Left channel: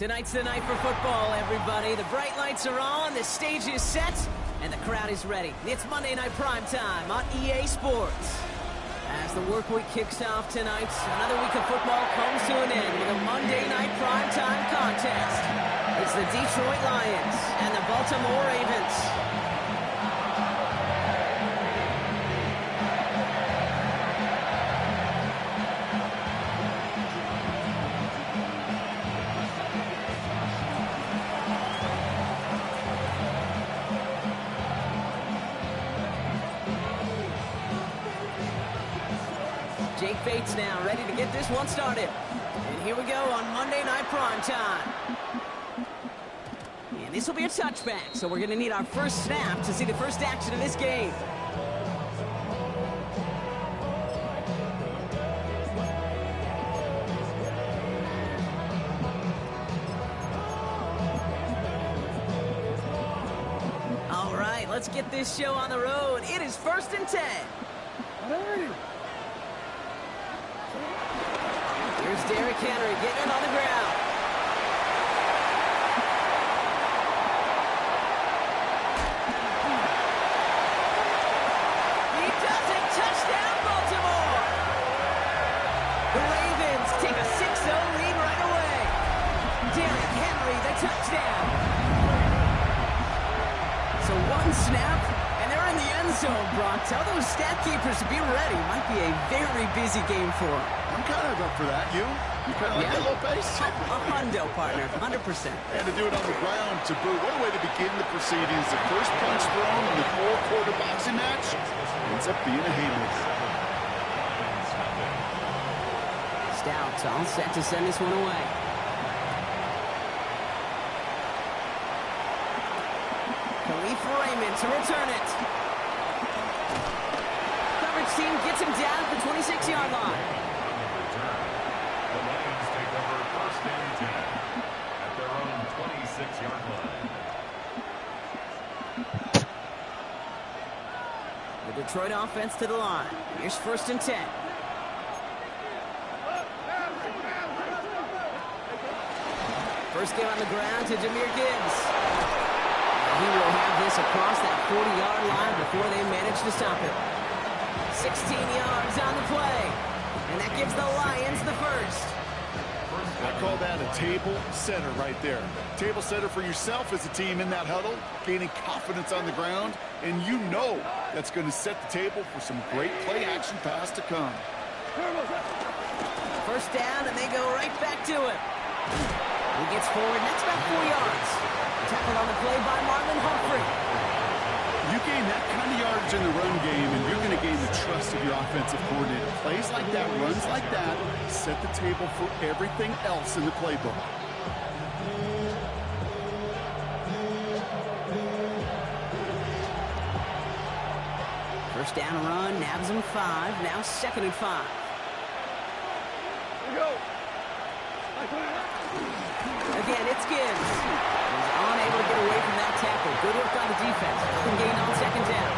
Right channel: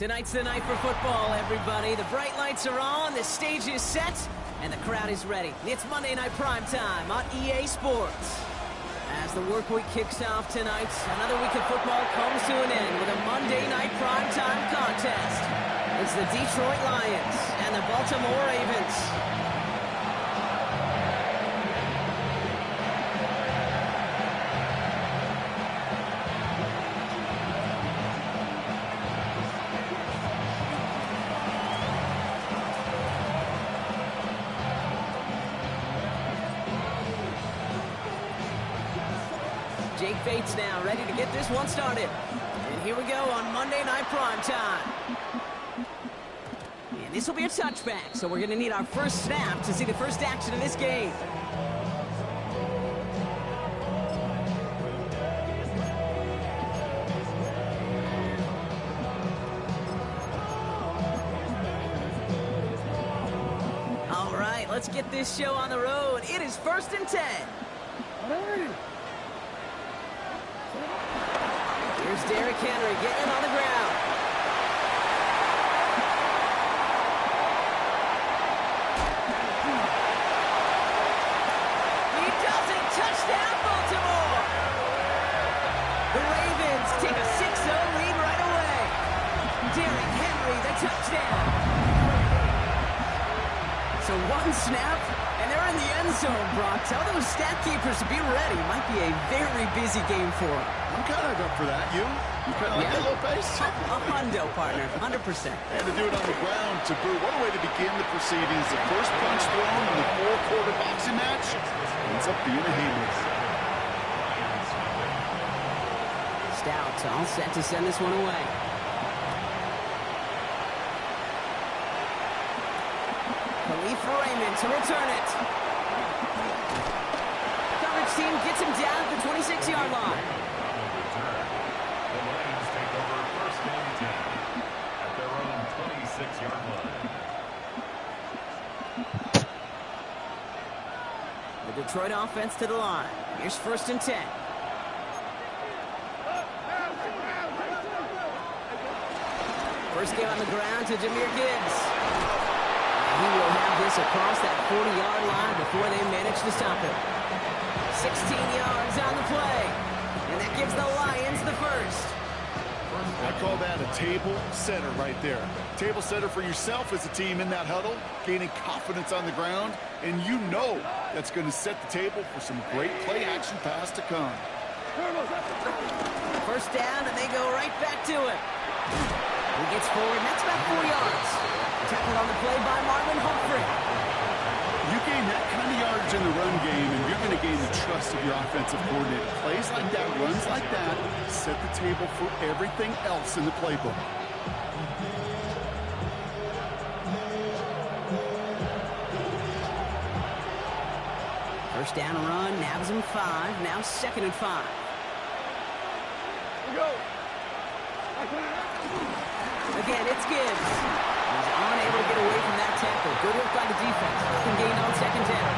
Tonight's the night for football, everybody. The bright lights are on, the stage is set, and the crowd is ready. It's Monday Night Primetime on EA Sports. As the work week kicks off tonight, another week of football comes to an end with a Monday Night Primetime contest. It's the Detroit Lions and the Baltimore Ravens. Jake Bates now ready to get this one started. And here we go on Monday Night Primetime. And this will be a touchback, so we're going to need our first snap to see the first action of this game. All right, let's get this show on the road. It is 1st and 10. Here's Derrick Henry getting it on the ground. He does it. Touchdown, Baltimore. The Ravens take a 6-0 lead right away. Derrick Henry, the touchdown. So one snap, and they're in the end zone, Brock. Tell those stat keepers to be ready. Might be a very busy game for them. I'm kind of up for that. You kind of like that little pace? A hundo, partner. 100%. And to do it on the ground to boot. What a way to begin the proceedings. The first punch thrown in the four-quarter boxing match ends up being a haymaker. Stout all set to send this one away. Khalif Raymond to return it. Coverage team gets him down at the 26-yard line. The Lions take over 1st and 10 at their own 26-yard line. The Detroit offense to the line. Here's 1st and 10. First game on the ground to Jahmyr Gibbs. And he will have this across that 40-yard line before they manage to stop him. 16 yards on the play. And that gives the Lions the first. I call that a table setter right there. Table setter for yourself as a team in that huddle, gaining confidence on the ground, and you know that's going to set the table for some great play action pass to come. First down, and they go right back to him. He gets forward, and that's about 4 yards. Tackled on the play by Marlon Humphrey. You gain that kind of yardage in the run game, and you're going to gain the trust of your offensive coordinator. Plays like that, runs like that, set the table for everything else in the playbook. First down and run, nabs him 5, now 2nd and 5. Here we go. Again, it's Gibbs. He's unable to get away from that tackle. Good work by the defense. Nothing gained on 2nd down.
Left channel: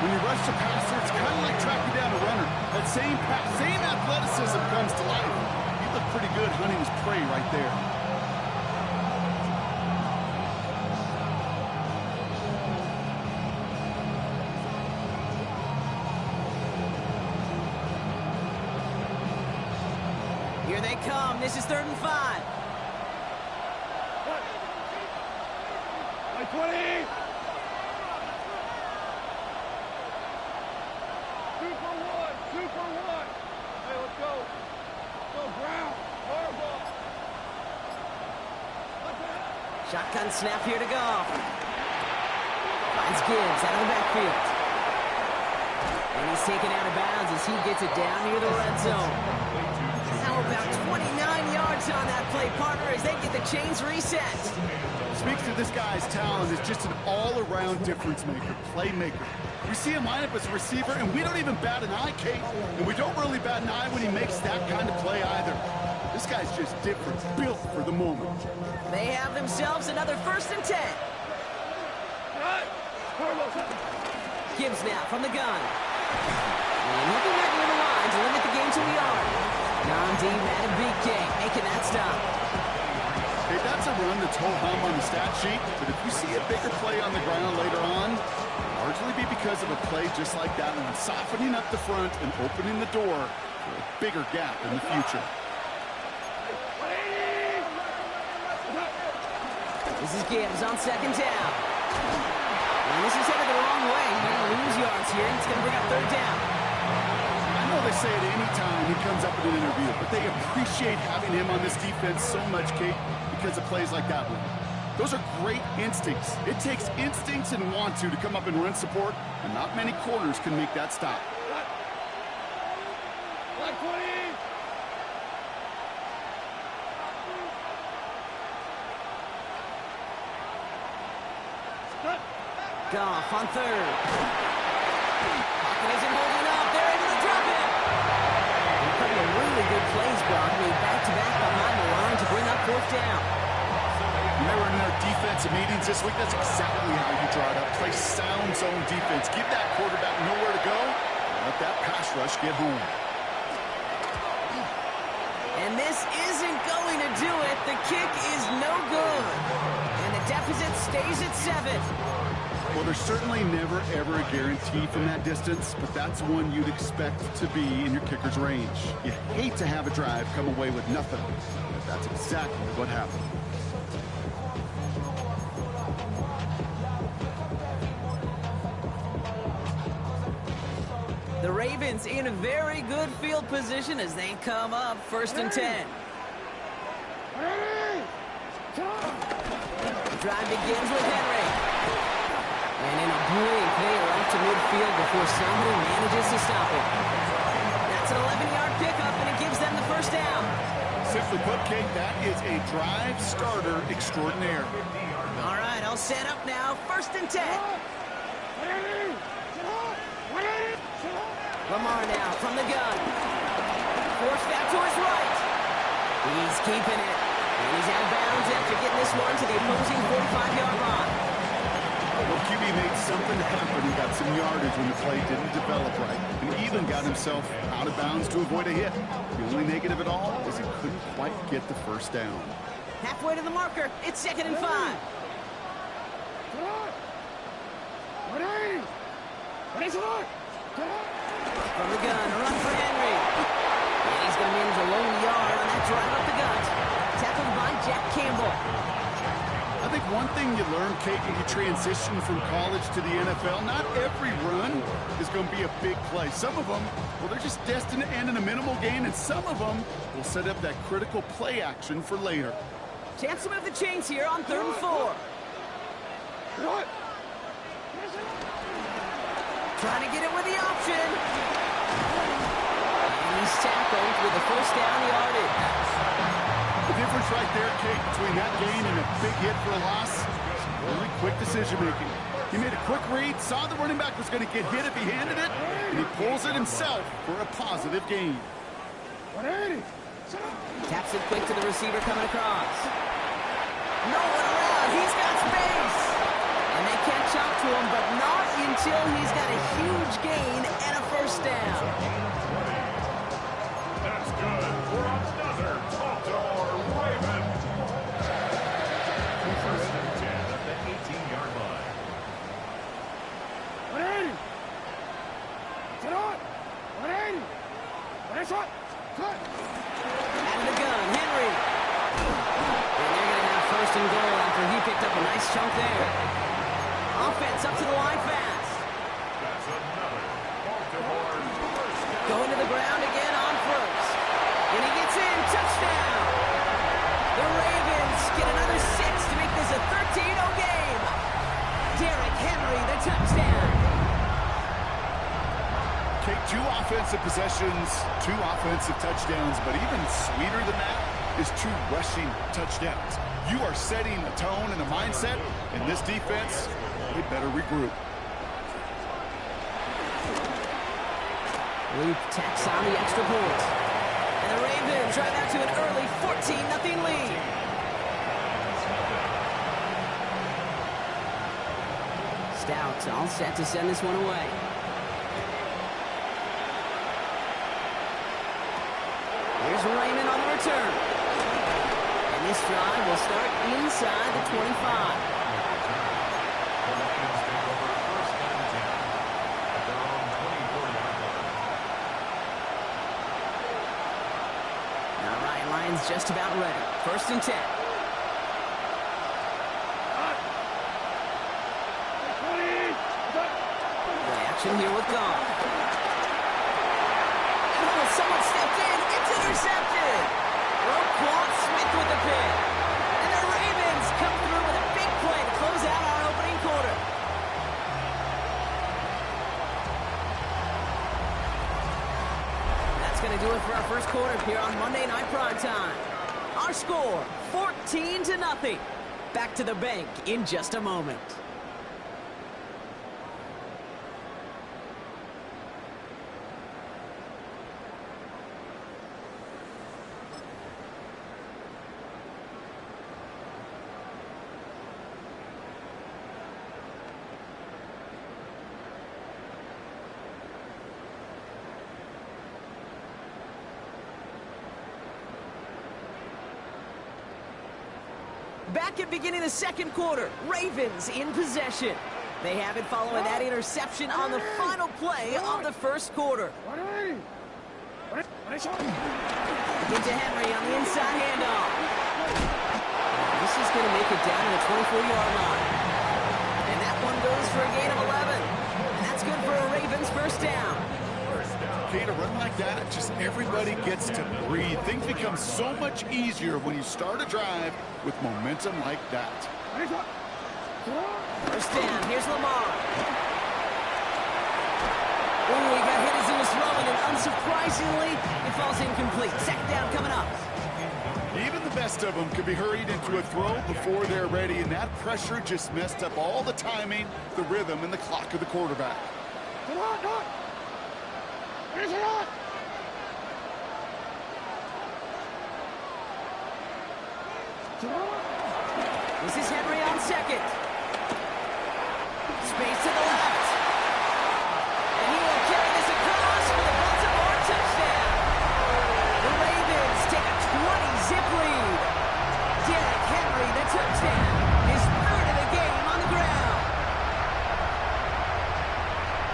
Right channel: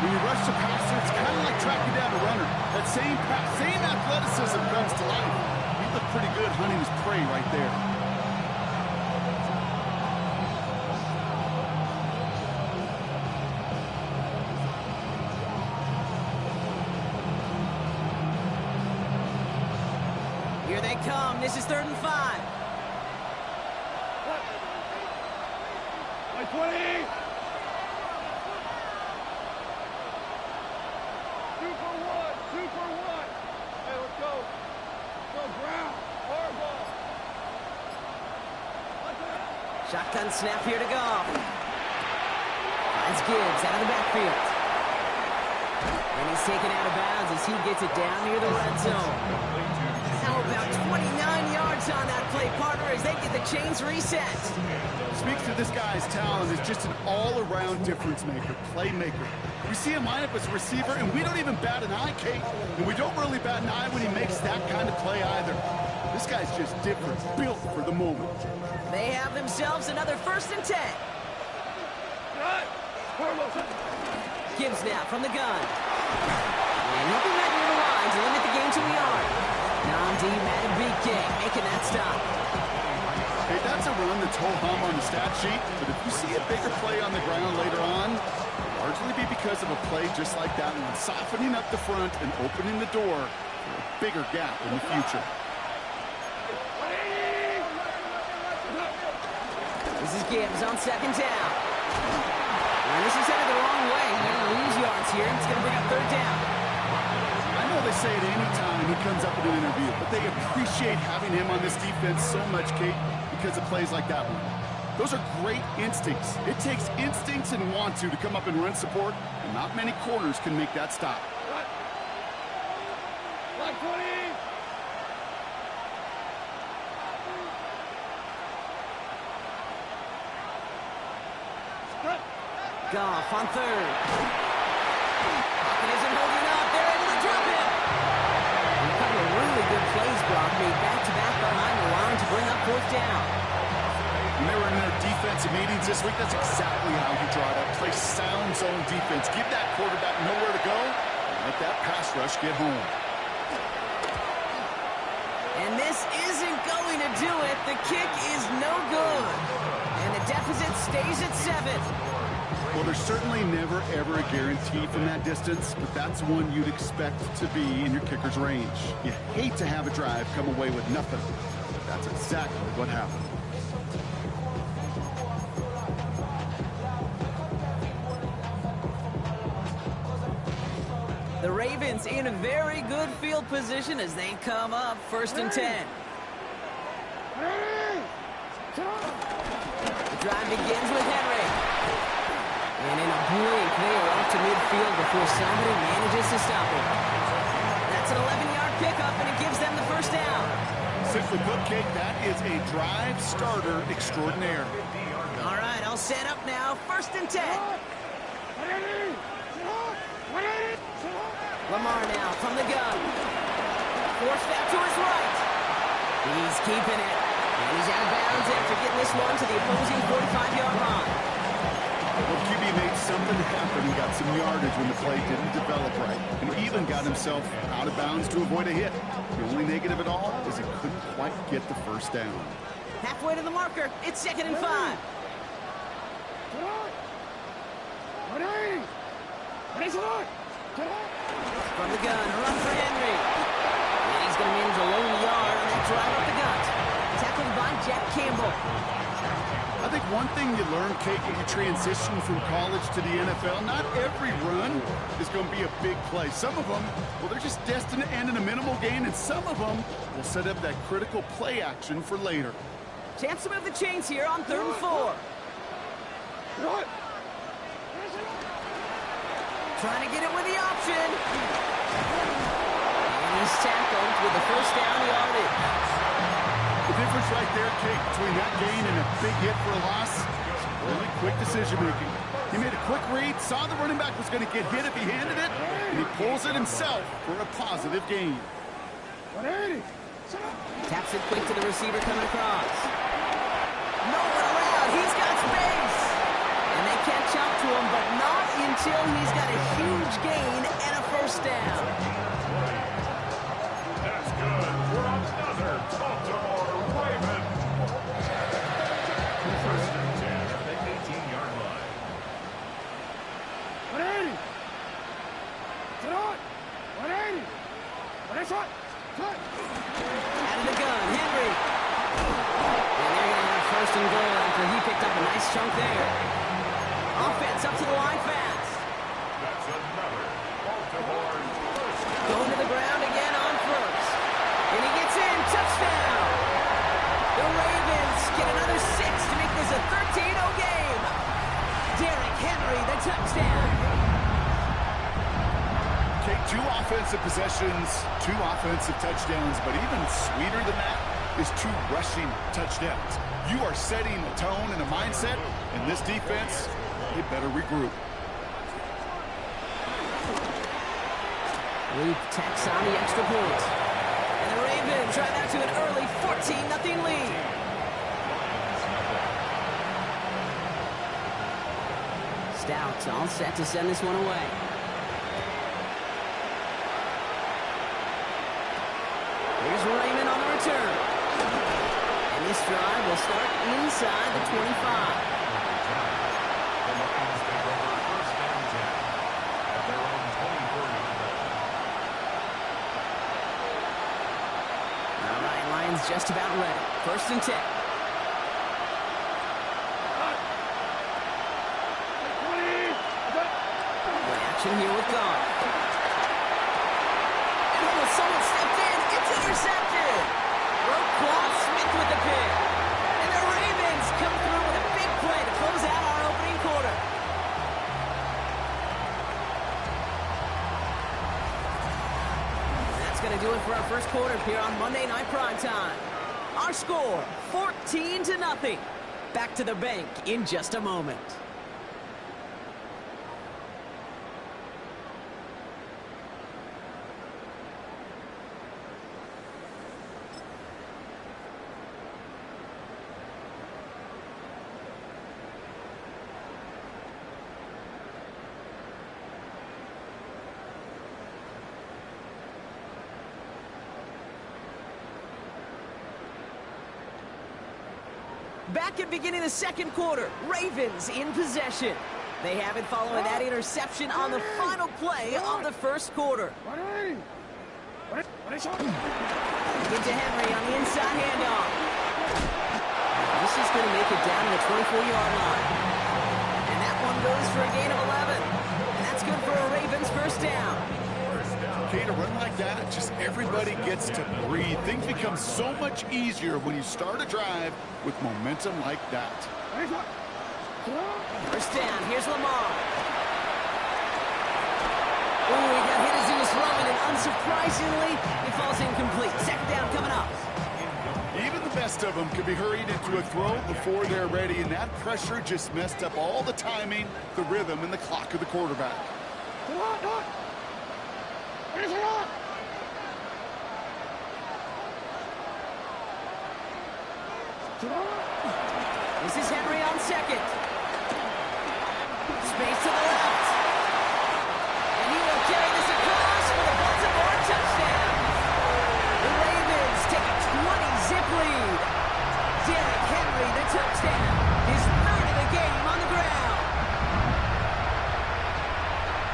When you rush the passer, it's kind of like tracking down a runner. That same athleticism comes to life. He looked pretty good hunting his prey right there. Here they come. This is 3rd and 5. My 20. 2 for 1. 2 for 1. Hey, let's go. Go ground. Horrible. Shotgun snap here to go. Finds Gibbs out of the backfield. And he's taken out of bounds as he gets it down near the red zone. Now about 29 yards on that play, partner, as they get the chains reset. Speaks to this guy's talent as just an all-around difference maker, playmaker. We see him line up as a receiver, and we don't even bat an eye, Kate. And we don't really bat an eye when he makes that kind of play either. This guy's just different, built for the moment. They have themselves another 1st and 10. Gibbs now from the gun. And he'll be right near the line to limit the game to a yard. Namdi Madubuike making that stop. Hey, that's a run that's ho-hum on the stat sheet, but if you see a bigger play on the ground later on, it'll largely be because of a play just like that one, softening up the front and opening the door for a bigger gap in the future. This is Gibbs on second down. And this is headed the wrong way. They're going to lose yards here. It's going to bring up third down. I know they say it any time he comes up in an interview, but they appreciate having him on this defense so much, Kate, because of plays like that one. Those are great instincts. It takes instincts and want to come up and run support, and not many corners can make that stop. Black 20! Goff on third. Pocket isn't holding up. They're able to drop it. And a couple of really good plays, Brock, made back-to-back behind the line to bring up fourth down. When they were in their defensive meetings this week, that's exactly how you draw it up. Play sound zone defense. Give that quarterback nowhere to go, and let that pass rush get home. And this isn't going to do it. The kick is no good. And the deficit stays at 7. Well, there's certainly never, ever a guarantee from that distance, but that's one you'd expect to be in your kicker's range. You hate to have a drive come away with nothing, but that's exactly what happened. The Ravens in a very good field position as they come up first and 10. The drive begins with Henry. And in a blink, they are off to midfield before somebody manages to stop him. That's an 11-yard pickup, and it gives them the first down. Simply put, Kate, that is a drive starter extraordinaire. All right, I'll set up now. First and 10. Lamar now from the gun. Forced out to his right. He's keeping it. And he's out of bounds after getting this one to the opposing 45-yard line. Well, QB made something happen and got some yardage when the play didn't develop right, and even got himself out of bounds to avoid a hit. The only negative at all is he couldn't quite get the first down. Halfway to the marker, it's 2nd and 5. From the gun, a run for Henry. And he's going to manage a lone yard on that drive up the gut. Tackled by Jack Campbell. I think one thing you learn, Kate, when you transition from college to the NFL, not every run is going to be a big play. Some of them, well, they're just destined to end in a minimal gain, and some of them will set up that critical play action for later. Chance to move the chains here on 3rd and 4. Trying to get it with the option. And he's tackled with the first down yardage. The difference right there, Kate, between that gain and a big hit for a loss is really quick decision-making. He made a quick read, saw the running back was going to get hit if he handed it, and he pulls it himself for a positive gain. Taps it quick to the receiver coming across. No one around. He's got space. And they catch up to him, but not until he's got a huge gain and a first down. That's good for another Baltimore Raven. First and 10 at the 18-yard line. 180. Sit on. 180. What is it? Cut. Out of the gun, Henry. And they're going to have first and goal after he picked up a nice chunk there. Offense up to the line fast. That's another Baltimore first down. Going to the ground again on first. And he gets in. Touchdown. The Ravens get another 6 to make this a 13-0 game. Derrick Henry, the touchdown. Kate, 2 offensive possessions, 2 offensive touchdowns, but even sweeter than that is 2 rushing touchdowns. You are setting a tone and a mindset, and this defense, they better regroup. Luke tacks on the extra point. And the Ravens drive out to an early 14-0 lead. Stout all set to send this one away. Here's Raymond on the return. And And this drive will start inside the 25. The Lions take over first and 10 at their own 24-yard line. All right, Lions just about ready. First and 10. Play action here with Goff. And almost someone stepped in. It's intercepted. Roquan Smith with the pick. And the Ravens come through with a big play to close out our opening quarter. That's going to do it for our first quarter here on Monday Night Primetime. Our score, 14-0. Back to the bank in just a moment. Back at beginning of the second quarter, Ravens in possession. They have it following that interception on the final play of the first quarter. Into Henry on the inside handoff. This is going to make it down to the 24-yard line. And that one goes for a gain of 11. And that's good for a Ravens first down. Okay, to run like that, just everybody gets to breathe. Things become so much easier when you start a drive with momentum like that. First down, here's Lamar. Ooh, he got hit as he was throwing, and unsurprisingly, it falls incomplete. Second down coming up. Even the best of them could be hurried into a throw before they're ready, and that pressure just messed up all the timing, the rhythm, and the clock of the quarterback. This is Henry on second. Space to the left. And he will carry this across for the Baltimore touchdown. The Ravens take a 20-zip lead. Derrick Henry, the touchdown. His third of the game on the ground.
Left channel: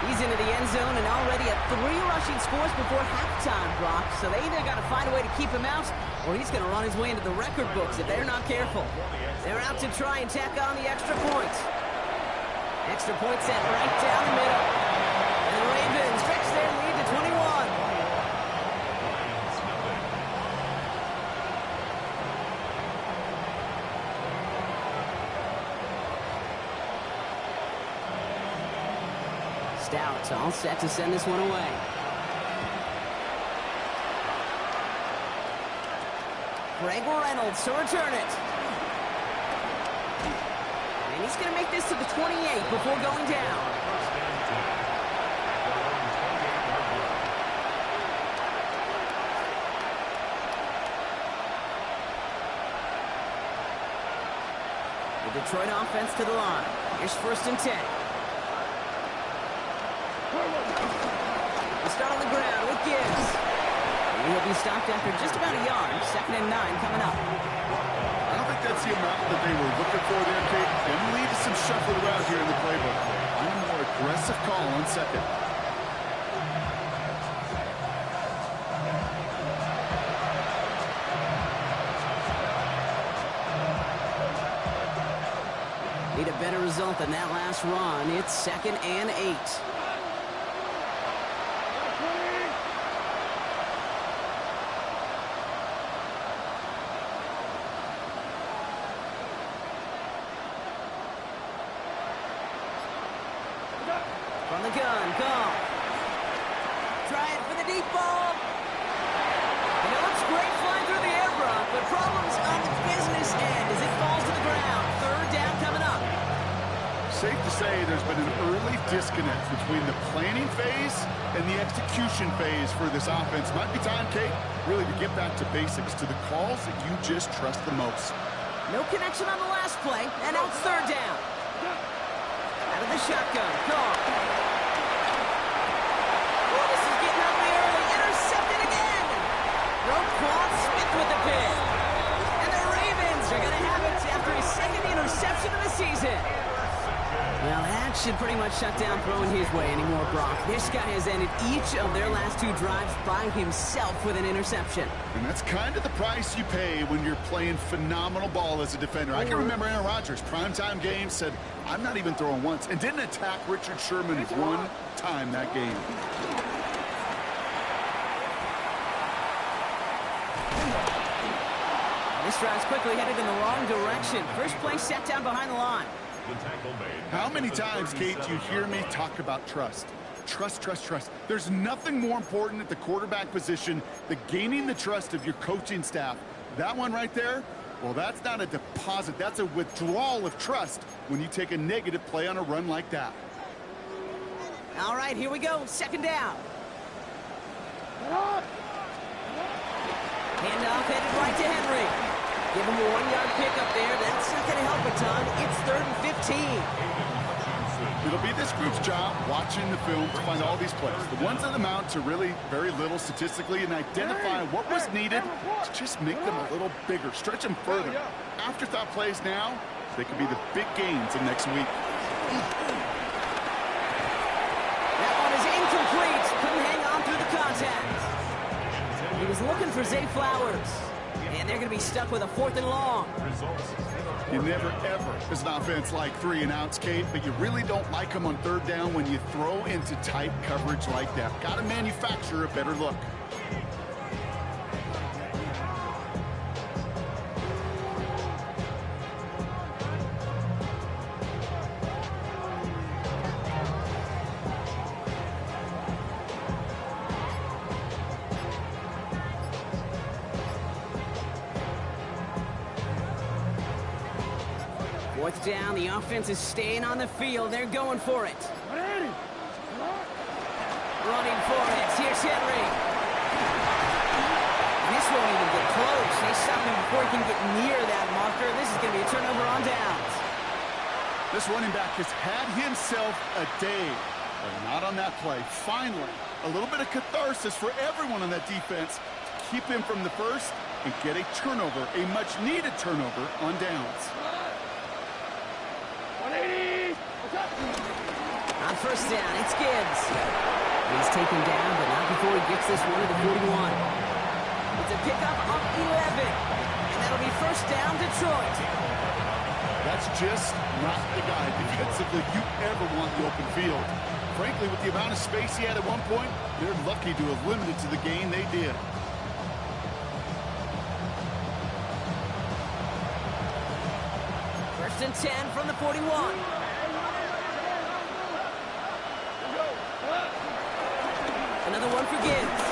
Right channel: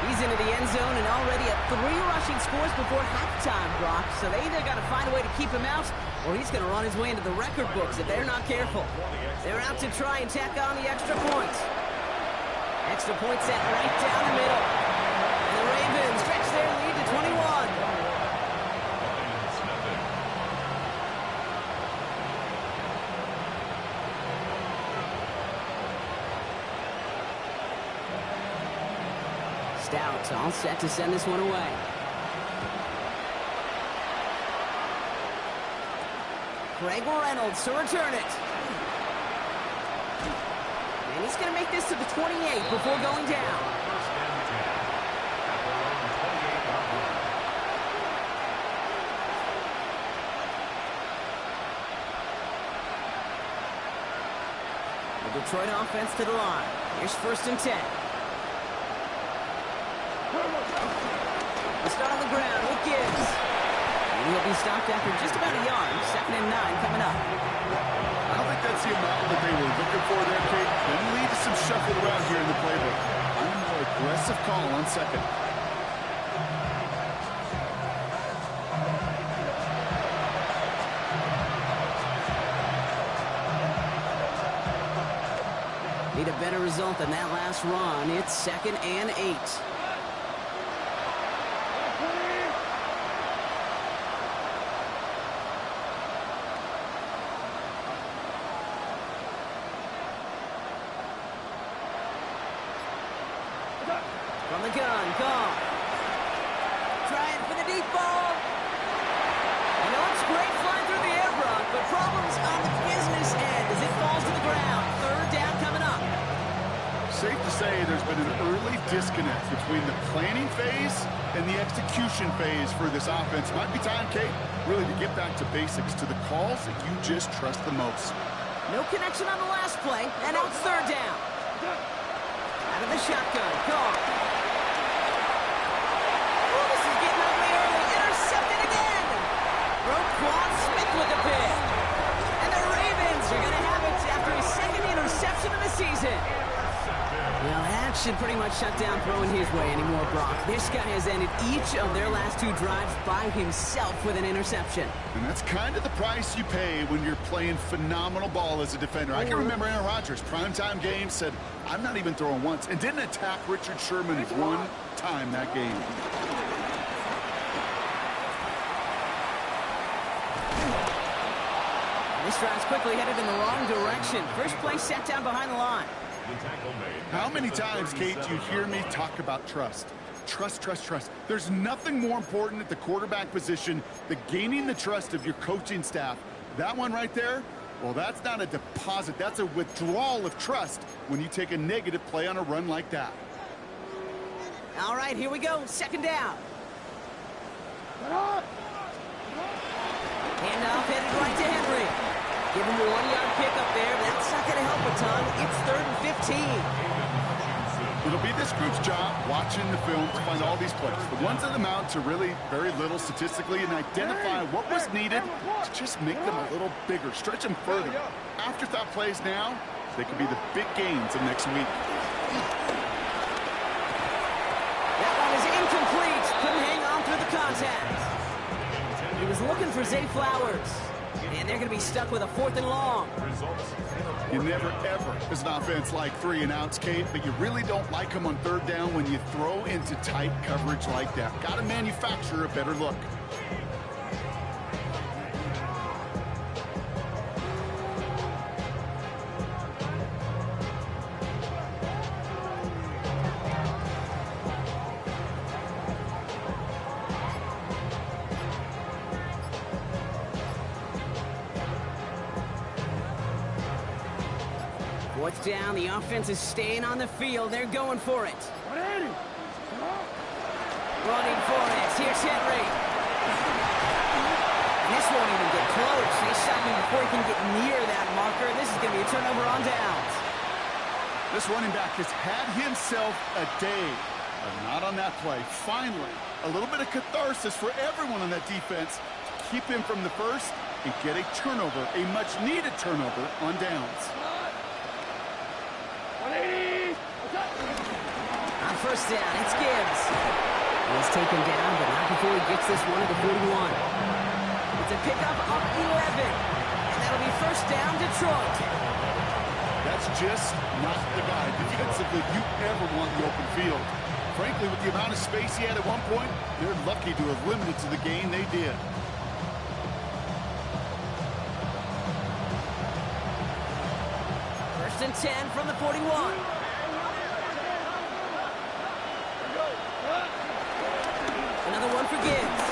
He's into the end zone and already at 3 rushing scores before halftime, Brock. So they either got to find a way to keep him out, or he's going to run his way into the record books if they're not careful. They're out to try and tack on the extra point. Extra point set right down the middle. And the Ravens stretch their lead to 21. Lions nothing. Stout all set to send this one away. Greg Reynolds to return it. And he's going to make this to the 28 before going down. First and 10 at their own 28-yard line. The Detroit offense to the line. Here's first and 10. We'll start on the ground with Gibbs. And he'll be stopped after just about a yard. Second and 9 coming up. I don't think that's the amount that they were looking for there, Kate. Can lead to some shuffling around here in the playbook. Find a more aggressive call on second. Need a better result than that last run. It's second and 8. From the gun, Goff. Trying for the deep ball. You know, it's great flying through the air, Brock, but problems on the business end as it falls to the ground. Third down coming up. Safe to say there's been an early disconnect between the planning phase and the execution phase for this offense. Might be time, Kate, really to get back to basics, to the calls that you just trust the most. No connection on the last play, and now it's third down. Out of the shotgun, Goff. Oh, this is getting ugly early. Intercepted again. Roquan Smith with the pick. And the Ravens Steelers are going to have it after his second interception of the season. Well, that should pretty much shut down throwing his way anymore, Brock. This guy has ended each of their last 2 drives by himself with an interception. And that's kind of the price you pay when you're playing phenomenal ball as a defender. I can remember Aaron Rodgers, primetime game, said, I'm not even throwing once, and didn't attack Richard Sherman 1 time that game. This drive's quickly headed in the wrong direction. First play set down behind the line. How many times, Kate, do you hear me talk about trust? Trust, trust, trust. There's nothing more important at the quarterback position than gaining the trust of your coaching staff. That one right there, well, that's not a deposit. That's a withdrawal of trust when you take a negative play on a run like that. All right, here we go. Second down. Handoff headed right to Henry. Give him a 1-yard pickup there. That's not going to help a ton. It's 3rd and 15. It'll be this group's job watching the film to find all these plays. The ones that amount to really very little statistically and identify what was needed to just make them a little bigger, stretch them further. Afterthought plays now, they could be the big gains of next week. That one is incomplete. Couldn't hang on through the contact. He was looking for Zay Flowers. And they're going to be stuck with a 4th and long. You never, ever, as an offense, like 3 and outs, Kate, but you really don't like them on 3rd down when you throw into tight coverage like that. Got to manufacture a better look. Fourth down, the offense is staying on the field. They're going for it. Running for it. Here's Henry. And this won't even get close. They stop him before he can get near that marker. This is going to be a turnover on downs. This running back has had himself a day, but not on that play. Finally, a little bit of catharsis for everyone on that defense to keep him from the first and get a turnover, a much-needed turnover on downs. 180! On first down, it's Gibbs. He's taken down, but not before he gets this one at the 41. It's a pickup of 11, and that'll be first down, Detroit. That's just not the guy defensively you ever want in the open field. Frankly, with the amount of space he had at one point, they're lucky to have limited to the gain they did. First and 10 from the 41. Another one for Gibbs.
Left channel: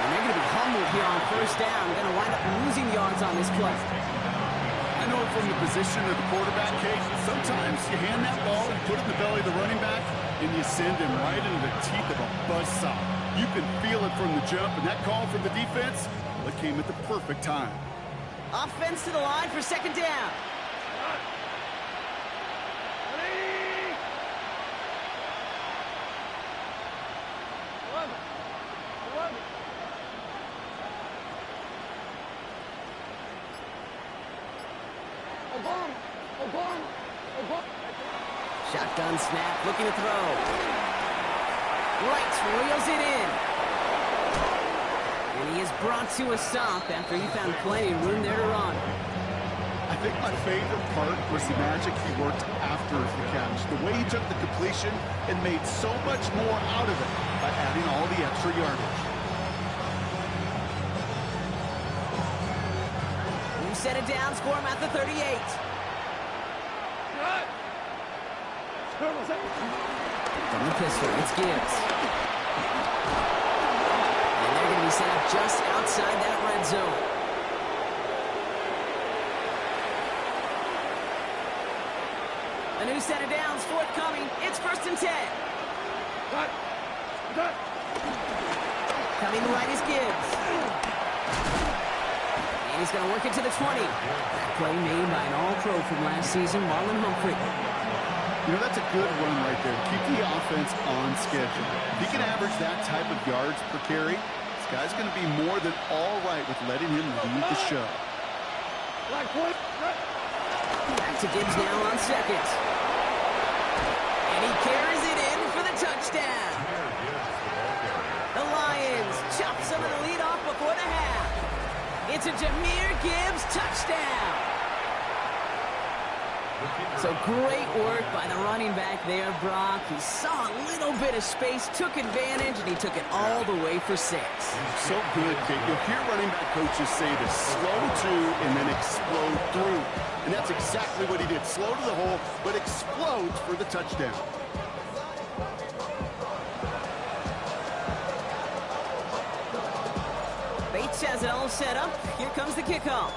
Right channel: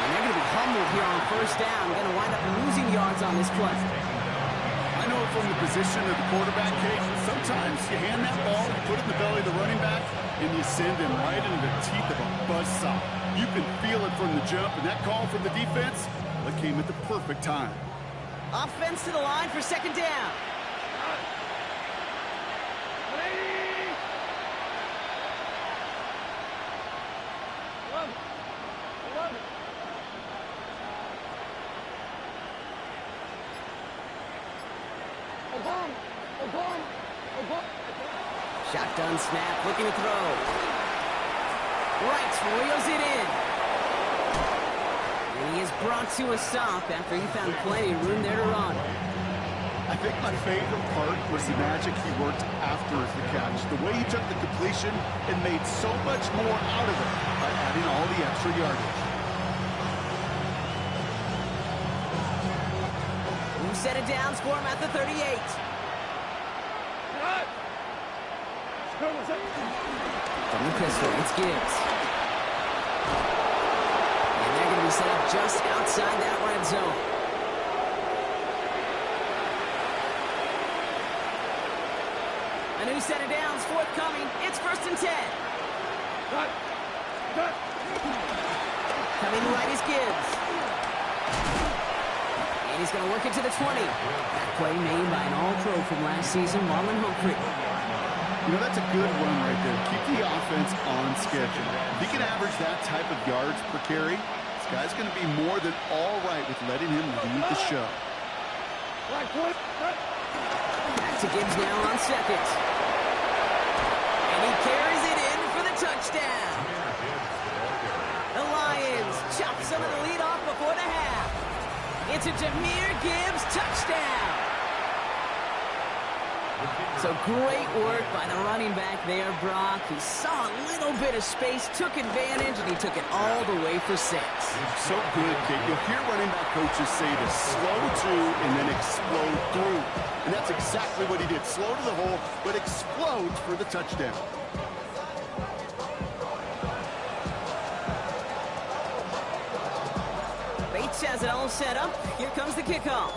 And they're going to be humbled here on first down. Going to wind up losing yards on this play. I know it from the position of the quarterback, Kate. Sometimes you hand that ball, you put it in the belly of the running back, and you send him right into the teeth of a buzzsaw. You can feel it from the jump, and that call from the defense, well, it came at the perfect time. Offense to the line for second down. 180! 11. Obama. Shotgun snap, looking to throw. Right, reels it in. And he is brought to a stop after he found plenty of room there to run. I think my favorite part was the magic he worked after the catch. The way he took the completion and made so much more out of it by adding all the extra yardage. You set it down, score him at the 38. From the pistol, it's Gibbs. And they're going to be set up just outside that red zone. A new set of downs forthcoming. It's first and 10. Coming right is Gibbs. And he's going to work it to the 20. That play made by an all-pro from last season, Marlon Humphrey. You know, that's a good run right there. Keep the offense on schedule. If he can average that type of yards per carry, this guy's going to be more than all right with letting him lead the show. Like what? Back to Gibbs now on second. And he carries it in for the touchdown. The Lions chop some of the lead off before the half. It's a Jahmyr Gibbs touchdown. So great work by the running back there, Brock. He saw a little bit of space, took advantage, and he took it all the way for 6. So good, Kate. You'll hear running back coaches say this: slow to and then explode through. And that's exactly what he did. Slow to the hole, but explodes for the touchdown. Bates has it all set up. Here comes the kickoff.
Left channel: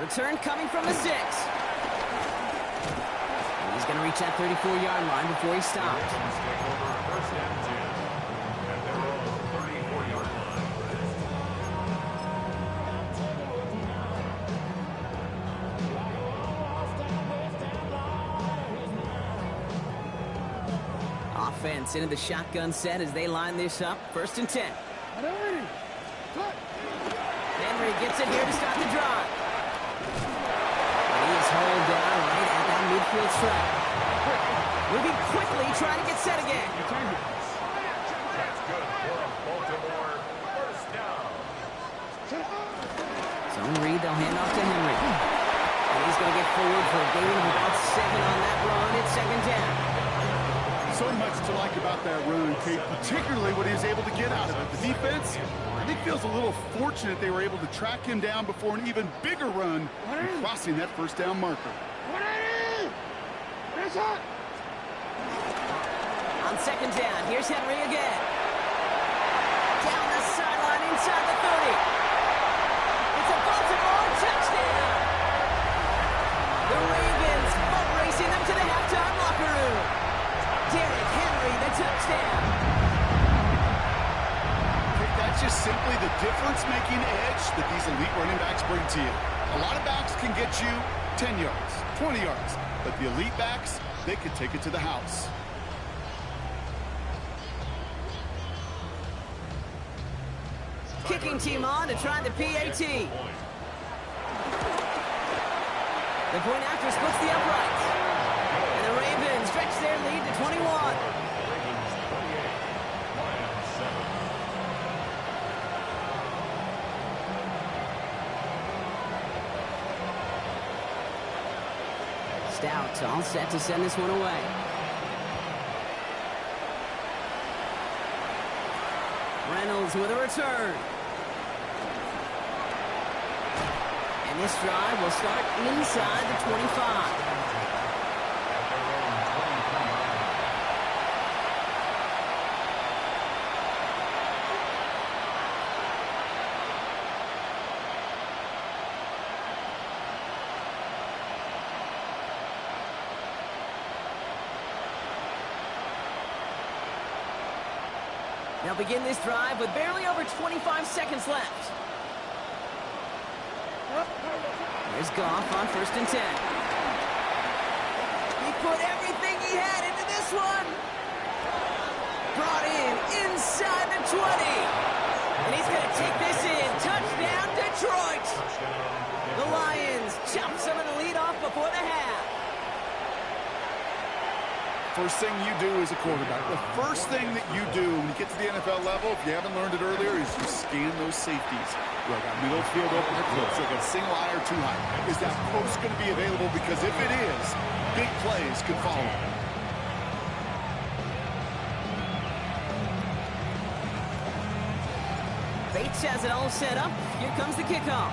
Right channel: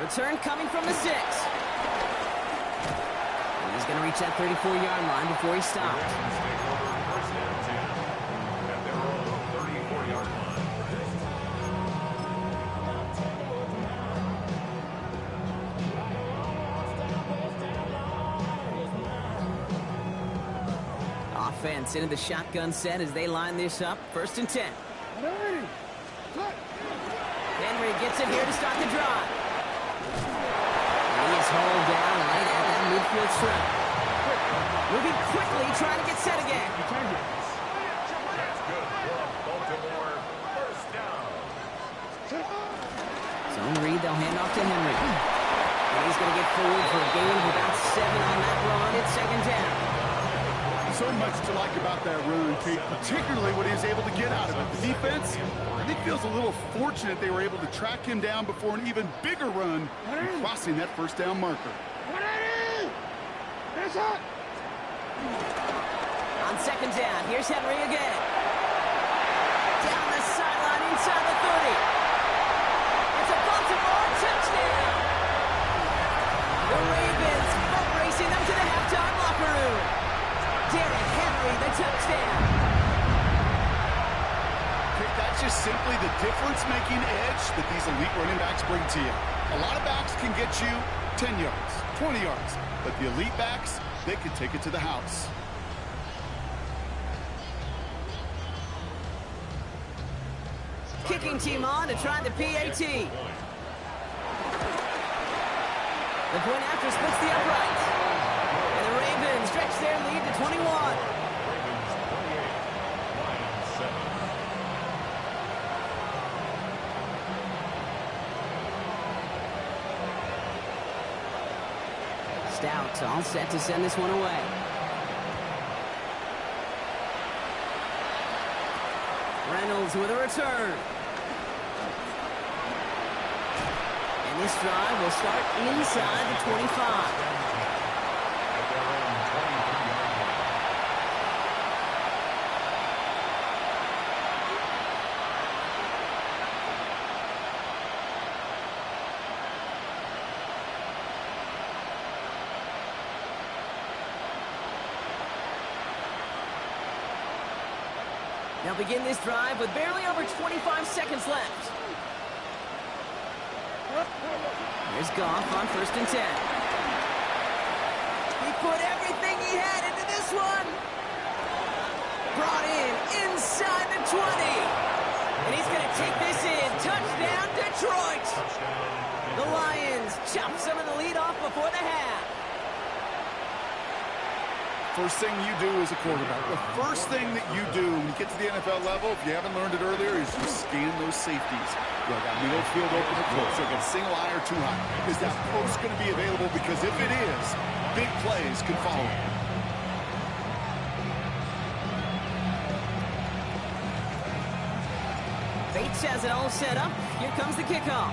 Return coming from the 6. And he's going to reach that 34-yard line before he stops. Take over first and 10 at their own 34-yard line. Offense into the shotgun set as they line this up. First and 10. Henry gets it here to start the drive. And he is hauled down right at that midfield stripe. Moving quickly, trying to get set again. That's good for Baltimore. First down. Zone read, they'll hand off to Henry. And he's going to get forward for a gain of about 7 on that run. It's second down. So much to like about that run, Kate, particularly what he was able to get out of it. The defense, I think, feels a little fortunate they were able to track him down before an even bigger run and crossing that first down marker. On second down, here's Henry again. Down the sideline inside the 30. It's a Baltimore touchdown. The Ravens boat racing them to the halftime locker room. Derrick Henry, the touchdown. Okay, that's just simply the difference-making edge that these elite running backs bring to you. A lot of backs can get you 10 yards, 20 yards, but the elite backs, they can take it to the house. Kicking team on to try the PAT. The point after splits the uprights. And the Ravens stretch their lead to 21. Ravens 28, Lions 7. Stout all set to send this one away. Reynolds with a return. And this drive will start inside the 25. At their own 23-yard line. They'll begin this drive with barely over 25 seconds left. Here's Goff on first and 10. He put everything he had into this one. Brought in inside the 20. And he's going to take this in. Touchdown, Detroit. The Lions chop some of the lead off before the half. First thing you do as a quarterback, the first thing that you do when you get to the NFL level, if you haven't learned it earlier, is you scan those safeties. Do I got middle field open or close? Do I got a single eye or too high? Is that post going to be available? Because if it is, big plays can follow. Bates has it all set up. Here comes the kickoff.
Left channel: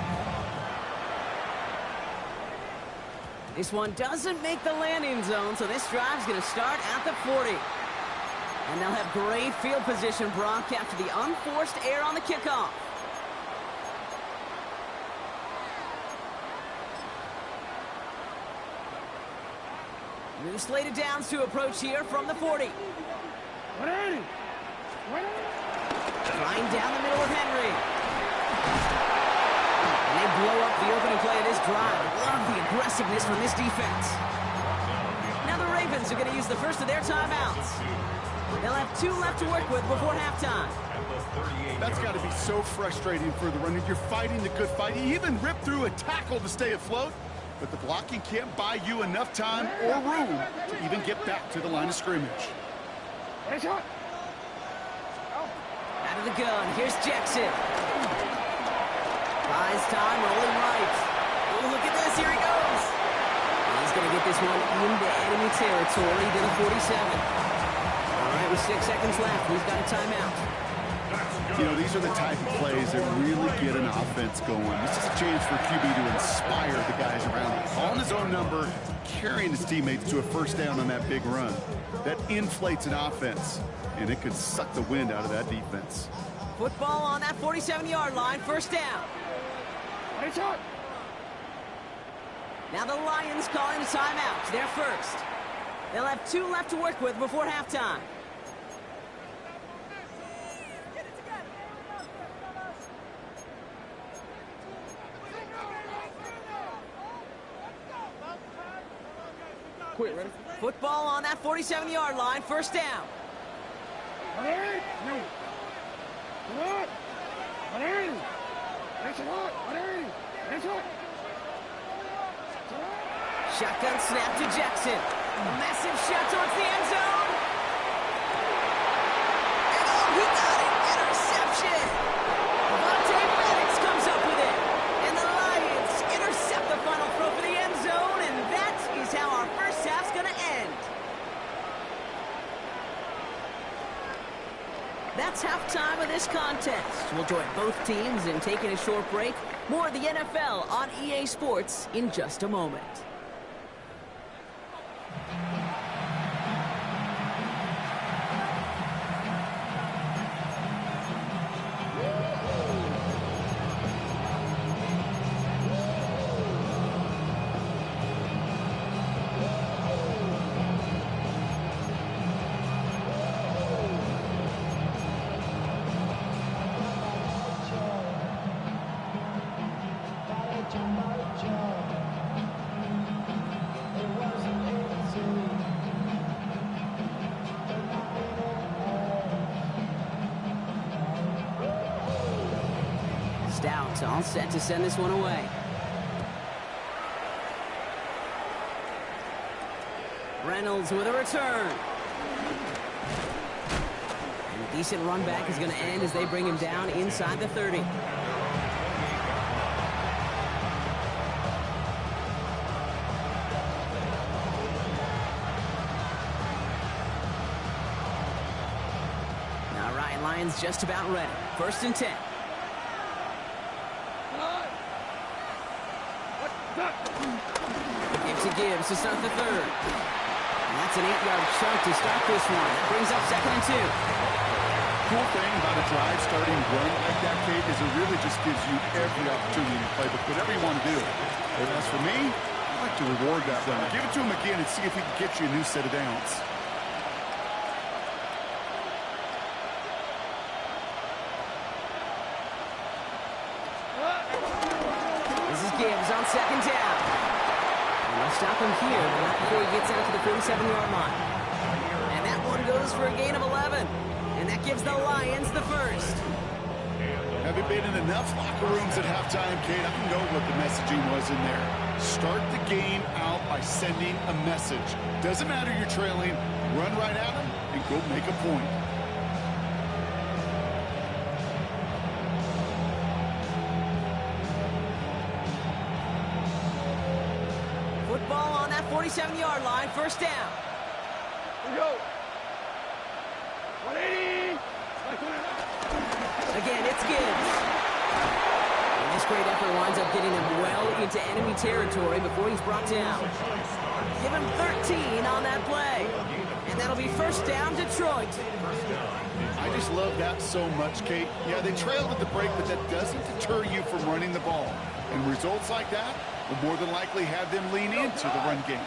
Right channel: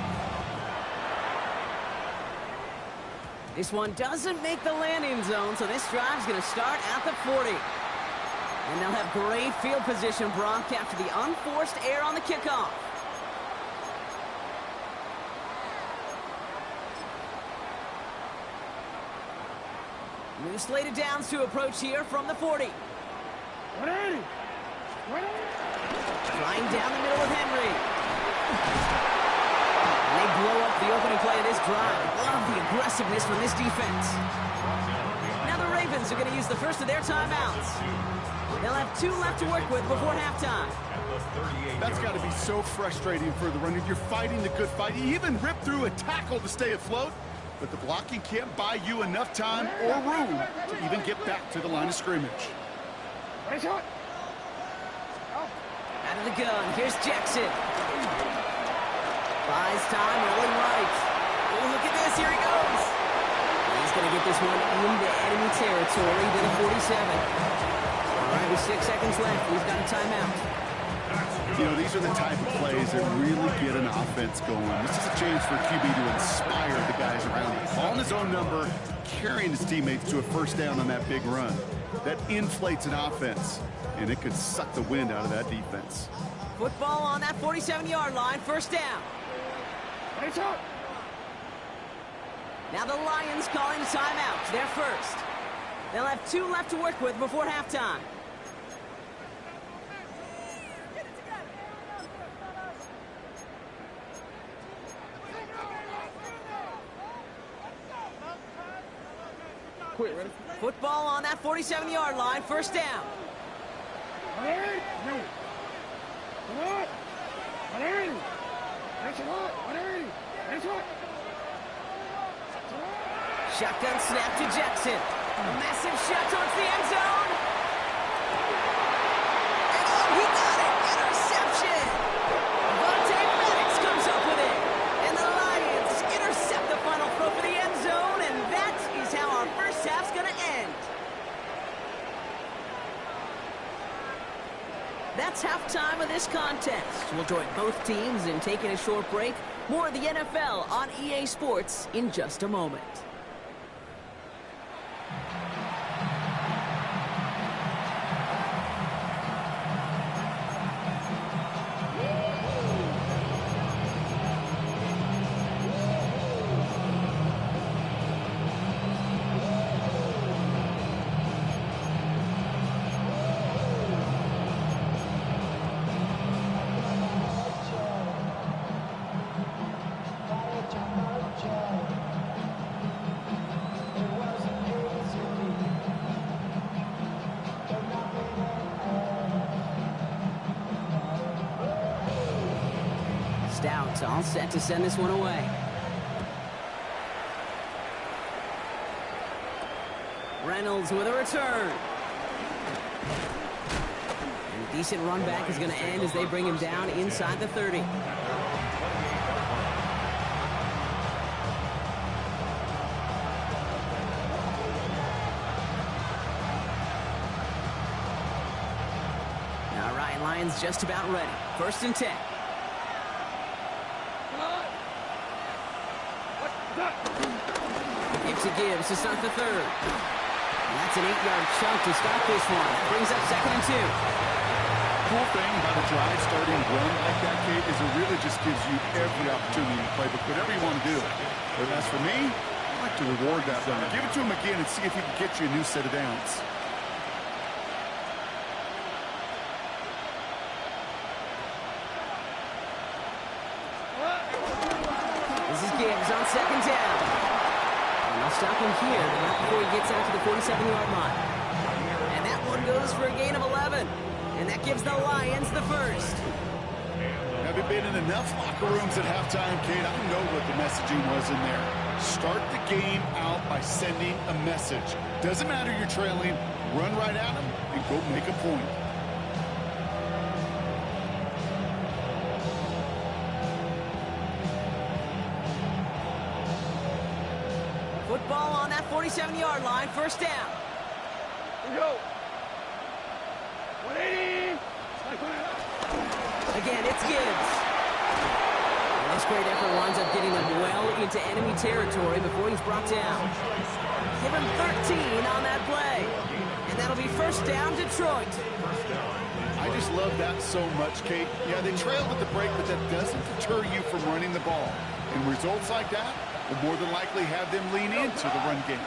This one doesn't make the landing zone, so this drive's going to start at the 40. And they'll have great field position, Brock, after the unforced error on the kickoff. New slated downs to approach here from the 40. Flying down the middle of Henry. And they blow up the opening play of this drive. Love the aggressiveness from this defense. Now the Ravens are going to use the first of their timeouts. They'll have 2 left to work with before halftime. That's got to be so frustrating for the runner. You're fighting the good fight. You even ripped through a tackle to stay afloat, but the blocking can't buy you enough time or room to even get back to the line of scrimmage. Out of the gun, here's Jackson. Buys time, rolling right. Oh, look at this, here he goes. He's going to get this one into enemy territory to the 47. All right, with 6 seconds left, he's got a timeout. You know, these are the type of plays that really get an offense going. This is a chance for QB to inspire the guys around him. Calling his own number, carrying his teammates to a first down on that big run. That inflates an offense, and it could suck the wind out of that defense. Football on that 47-yard line, first down. Now the Lions calling a timeout. They're first. They'll have 2 left to work with before halftime. Quit, ready? Football on that 47-yard line, first down. Shotgun snap to Jackson. A massive shot towards the end zone. And oh, he got it! Interception! Vontae Maddox comes up with it. And the Lions intercept the final throw for the end zone, and that is how our first half's gonna end. That's halftime of this contest. We'll join both teams in taking a short break. More of the NFL on EA Sports in just a moment. Stout all set to send this one away. Reynolds with a return. And a decent run back is going to end as they bring him down inside the 30. All right, Lions just about ready. 1st and 10. Gives to Gibbs to start the 3rd. And that's an 8-yard chunk to start this one. That brings up 2nd and 2. Cool thing about a drive starting run like that, Kate, is it really just gives you every opportunity to play with whatever you want to do. But as for me, I like to reward that runner. Give it to him again and see if he can get you a new set of downs. This is Gibbs on 2nd down. And they'll stop him here, but not before he gets out to the 47-yard line. And that one goes for a gain of 11. And that gives the Lions the first. Having been in enough locker rooms at halftime, Kate, I know what the messaging was in there. Start the game out by sending a message. Doesn't matter you're trailing, run right at them and go make a point. Football on that 47-yard line, 1st down. Here we go. 180. Again, it's Gibbs. And this great effort winds up getting him well into enemy territory before he's brought down. Give him 13 on that play. And that'll be 1st down, Detroit. I just love that so much, Kate. Yeah, they trailed at the break, but that doesn't deter you from running the ball. And results like that will more than likely have them lean into the run game.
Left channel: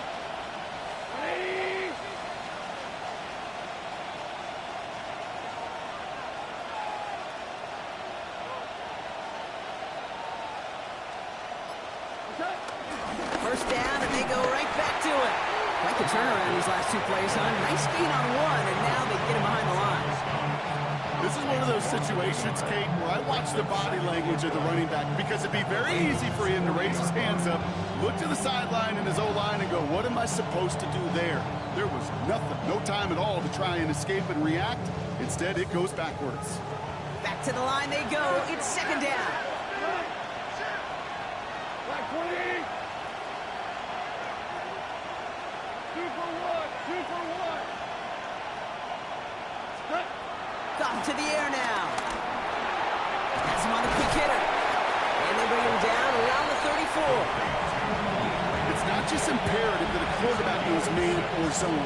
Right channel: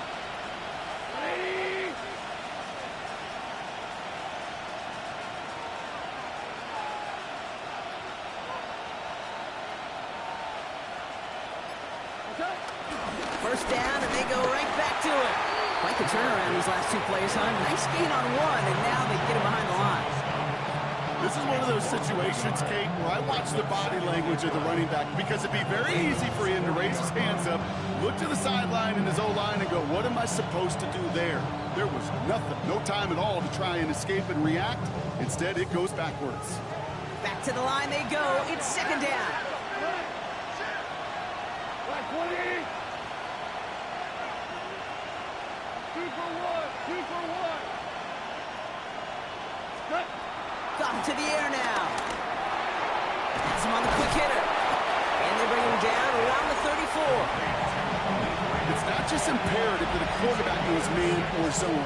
First down, and they go right back to it. Quite the turnaround these last two plays, huh? Nice gain on one, and now they get him behind the line. This is one of those situations, Kate, where I watch the body language of the running back because it'd be very easy for him to raise his hands up, look to the sideline in his O-line and go, what am I supposed to do there? There was nothing, no time at all to try and escape and react. Instead, it goes backwards. Back to the line they go. It's second down. Black 20. 2 for 1. 2 for 1. Cut. Got to the air now. Has him on the quick hitter. And they bring him down around the 34. It's not just imperative that a quarterback knows man or zone.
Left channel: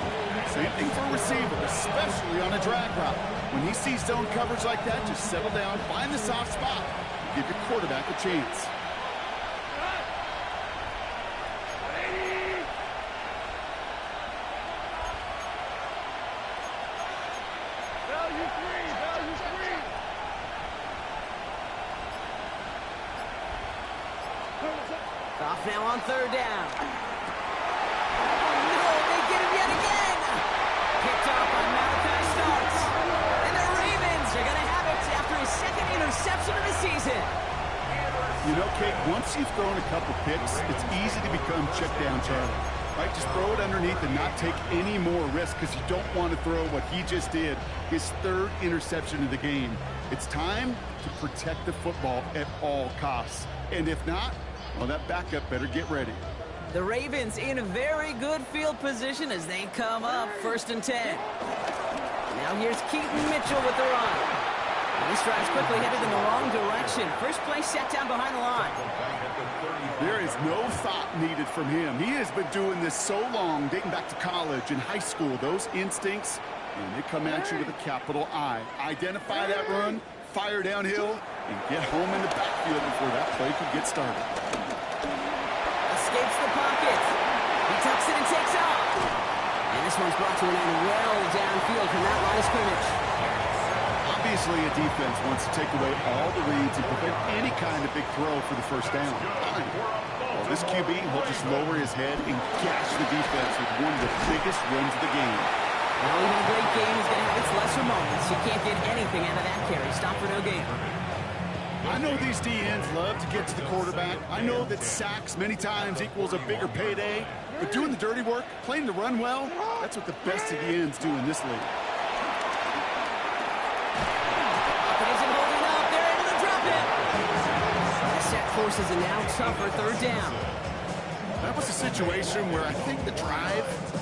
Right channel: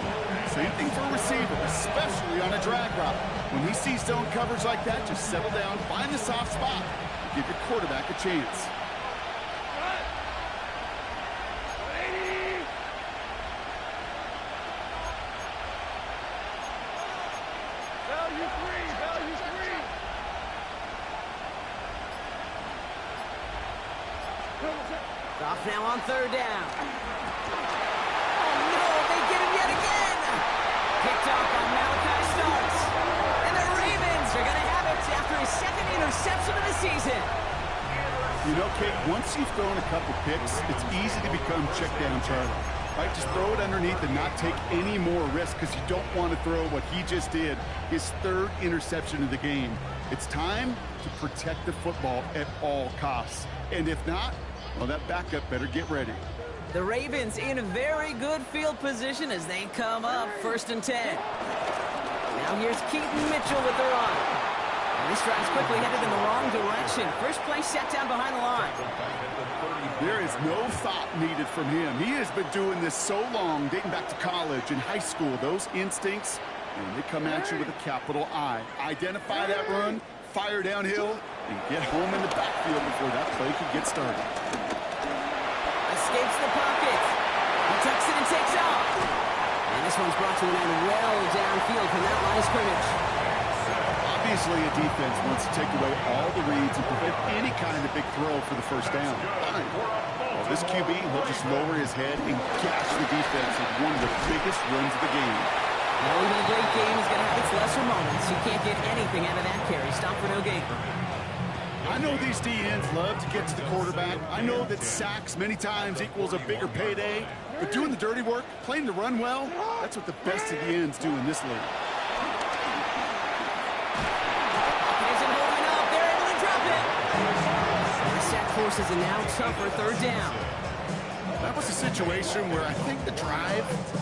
Same thing for a receiver, especially on a drag route. When he sees zone coverage like that, just settle down, find the soft spot, and give your quarterback a chance. Cut. 180. Value 3. Value 3. Goff now on third down. Oh, no, they get him yet again. Picked off by Malachi Starks. And the Ravens are going to have it after his second interception of the season. You know, Kate, once you've thrown a couple picks, it's easy to become check down Charlie. Right, just throw it underneath and not take any more risk because you don't want to throw what he just did, his third interception of the game. It's time to protect the football at all costs. And if not, well, that backup better get ready. The Ravens in a very good field position as they come up first and 10. Now here's Keaton Mitchell with the run. And this drive's quickly headed in the wrong direction. First play set down behind the line. There is no thought needed from him. He has been doing this so long, dating back to college and high school. Those instincts, and they come at you with a capital I. Identify that run, fire downhill, and get home in the backfield before that play could get started. Escapes the pocket. He tucks it and takes off. And this one's brought to an end well downfield from that line of scrimmage. Obviously, a defense wants to take away all the reads and prevent any kind of big throw for the first down. Fine. Well, this QB will just lower his head and gash the defense with one of the biggest runs of the game. Now, even a great game is going to have its lesser moments. You can't get anything out of that carry. Stop for no gain. I know these DNs love to get to the quarterback. I know that sacks many times equals a bigger payday. But doing the dirty work, playing the run well, that's what the best of the ends do in this league. Isn't holding up. They're able to drop it. The sack forces a now tougher third down. That was a situation where I think the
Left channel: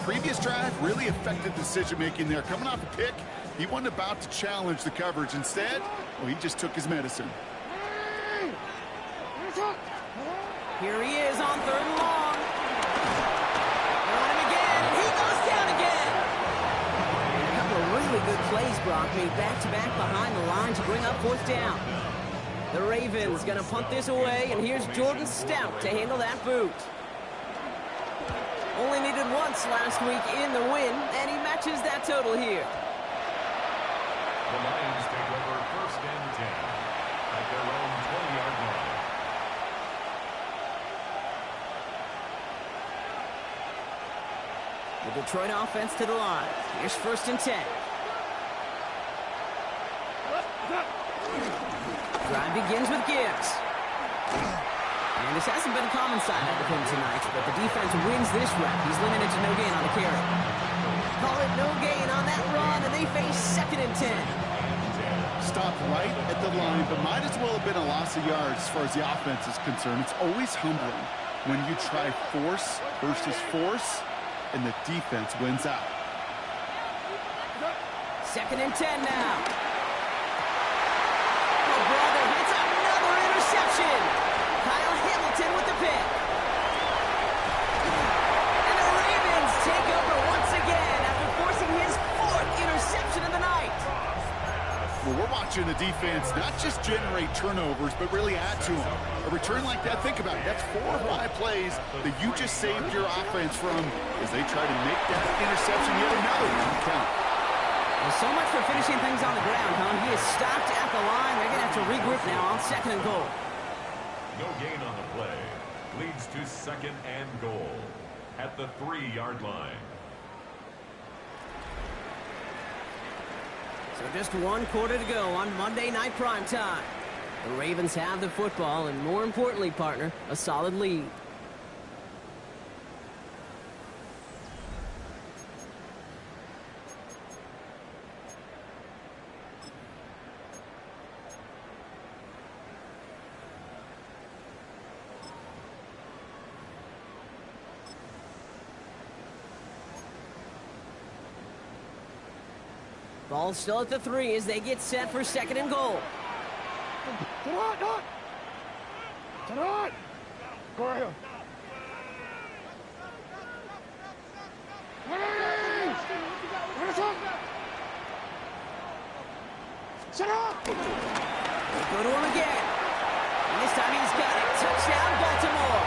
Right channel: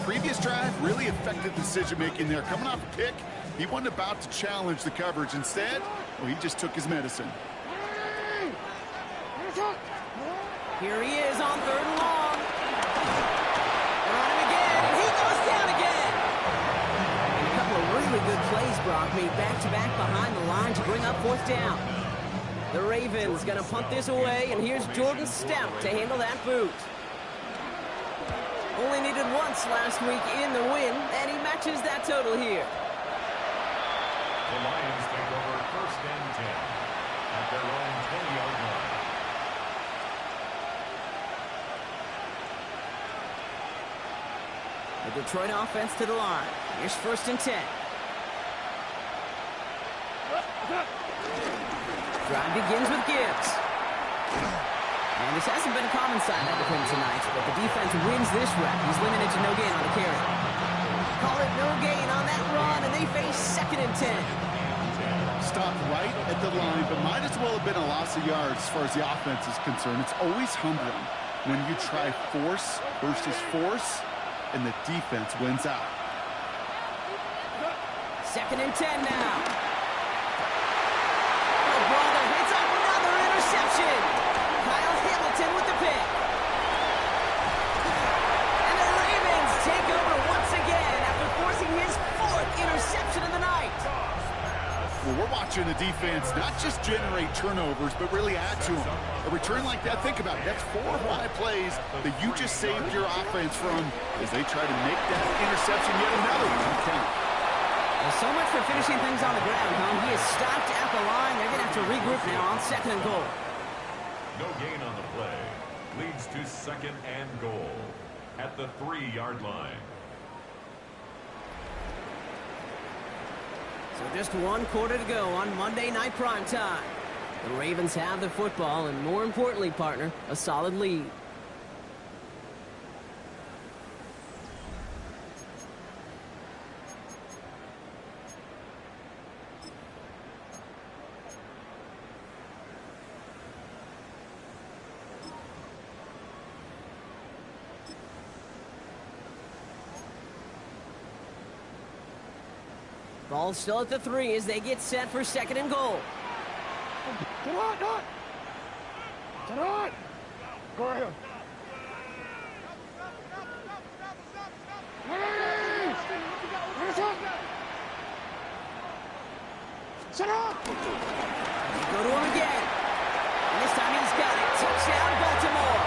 previous drive, really affected decision-making there. Coming off a pick, he wasn't about to challenge the coverage. Instead, well, he just took his medicine. Here he is on third and long. They're on him again, and he goes down again. And a couple of really good plays, Brock, made back-to-back behind the line to bring up fourth down. The Ravens going to punt this away, and here's Jordan Stout to handle that boot. Only needed once last week in the win, and he matches that total here. The Lions take over first and 10 at their own 20-yard line. The Detroit offense to the line. Here's first and 10. Drive begins with Gibbs. And this hasn't been a common side out of him tonight, but the defense wins this rep. He's limited to no gain on the carry. Call it no gain on that run, and they face second and 10. Stopped right at the line, but might as well have been a loss of yards as far as the offense is concerned. It's always humbling when you try force versus force, and the defense wins out. Second and 10 now. Oh, brother, it's another interception. Kyle Hamilton with the pick. And the Ravens take over once again after forcing his fourth interception of the night. Well, we're watching the defense not just generate turnovers, but really add to them. A return like that, think about it. That's 4 or 5 plays that you just saved your offense from as they try to make that interception yet another one count. Well, so much for finishing things on the ground, huh? He is stopped at the line. They're going to have to regroup now on second and goal. No gain on the play. Leads to second and goal at the 3-yard line. So just one quarter to go on Monday Night Primetime. The Ravens have the football and, more importantly, partner, a solid lead. Ball still at the 3 as they get set for 2nd and goal. Get on! Get on! Go ahead. Set up! They go to him again. And this time he's got it. Touchdown, Baltimore.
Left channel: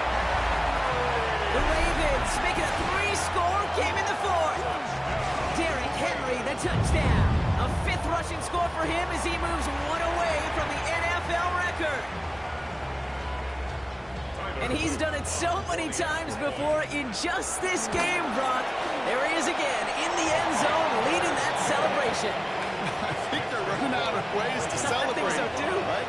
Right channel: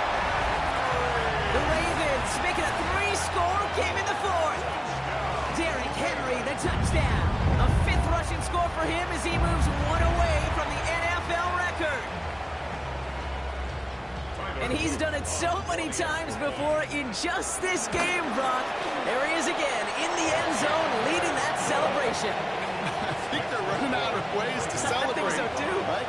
The Ravens make it a 3-score game in the 4th. Derrick Henry, the touchdown. A 5th rushing score for him as he moves one away from the NFL record. And he's done it so many times before in just this game, Brock. There he is again in the end zone leading that celebration. I think they're running out of ways to celebrate. I think so too. Right?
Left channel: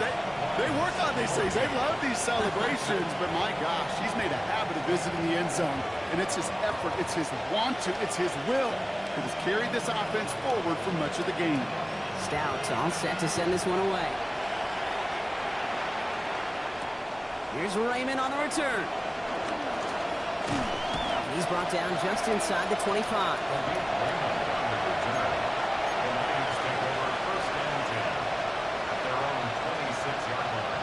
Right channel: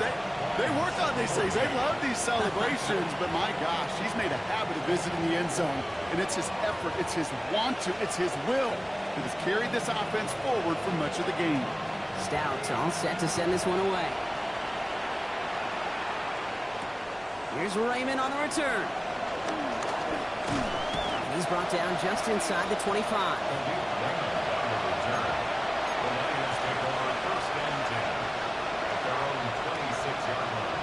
They work on these things. They love these celebrations, but my gosh, he's made a habit of visiting the end zone, and it's his effort, it's his want to, it's his will that has carried this offense forward for much of the game. Stout all set to send this one away. Here's Raymond on the return. And he's brought down just inside the 25. Raymond on the return. The Lions take over 1st and 10 at their own 26-yard line.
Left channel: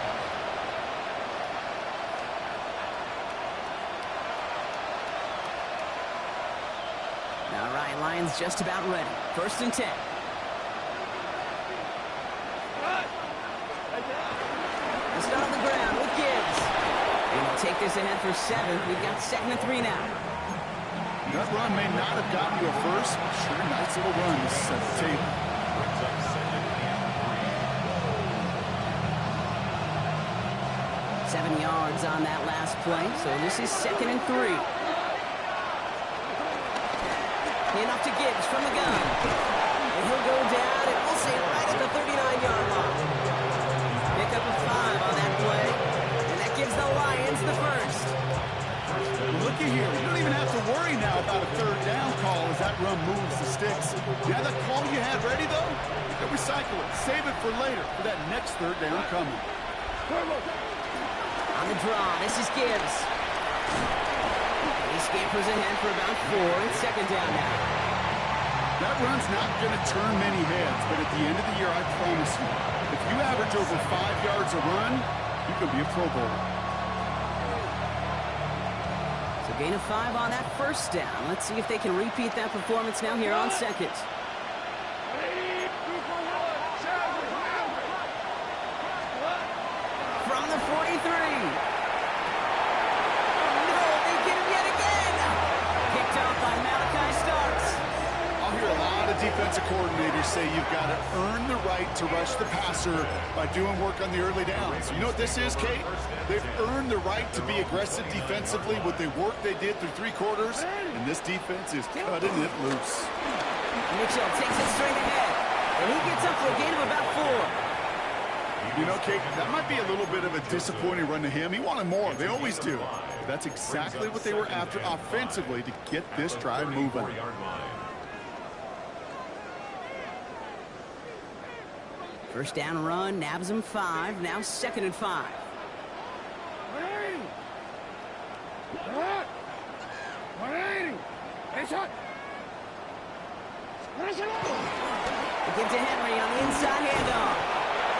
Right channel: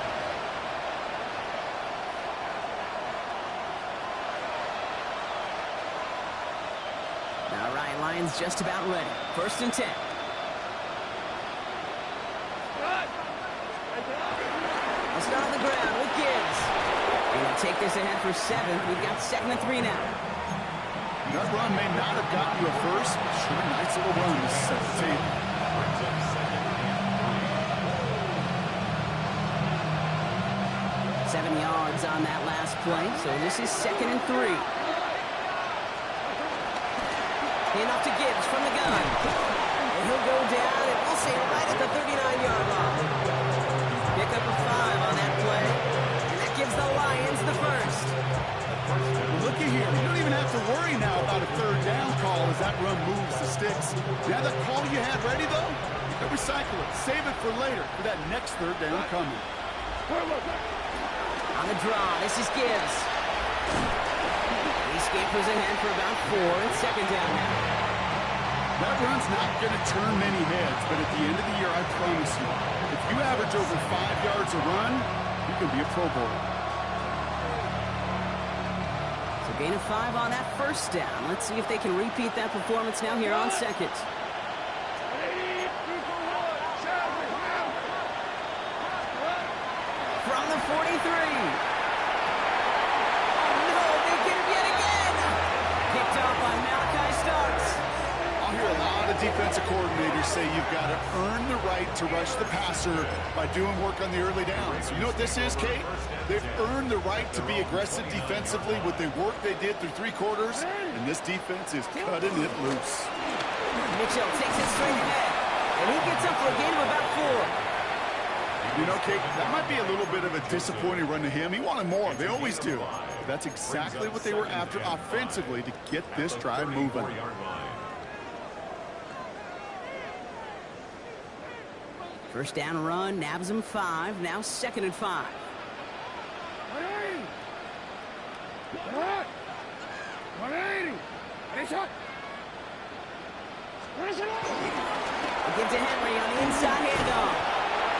All right, Lions just about ready. 1st and 10. They'll start on the ground with Gibbs. And they'll take this ahead for 7. We've got 2nd and 3 now. That run may not have gotten you a first. Sure, nice little run to set the table. Brings up 2nd and 3. 7 yards on that last play, so this is 2nd and 3. Enough to Gibbs from the gun. And he'll go down, and we'll say right at the 39-yard line. Pick up a 5 on that play, and that gives the Lions the first. Well, looky here. You don't even have to worry now about a 3rd down call as that run moves the sticks. You have that call you had ready, though? You can recycle it. Save it for later for that next 3rd down coming. On the draw, this is Gibbs. He scampers ahead for about 4. It's 2nd down now. That run's not going to turn many heads, but at the end of the year, I promise you, if you average over 5 yards a run, you can be a Pro Bowler. So gain of 5 on that 1st down. Let's see if they can repeat that performance now here on 2nd. From the 43. Kicked off by Malachi Starks. I'll hear a lot of defensive coordinators say you've got to earn the right to rush the passer by doing work on the early downs. You know what this is, Kate? They've earned the right to be aggressive defensively with the work they did through 3 quarters, and this defense is cutting it loose. Mitchell takes it straight ahead, and he gets up for a gain of about 4. You know, Kate, that might be a little bit of a disappointing run to him. He wanted more. They always do. But that's exactly what they were after offensively to get this drive moving. First down run, nabs him 5. Now 2nd and 5. They give to Henry on the inside handoff.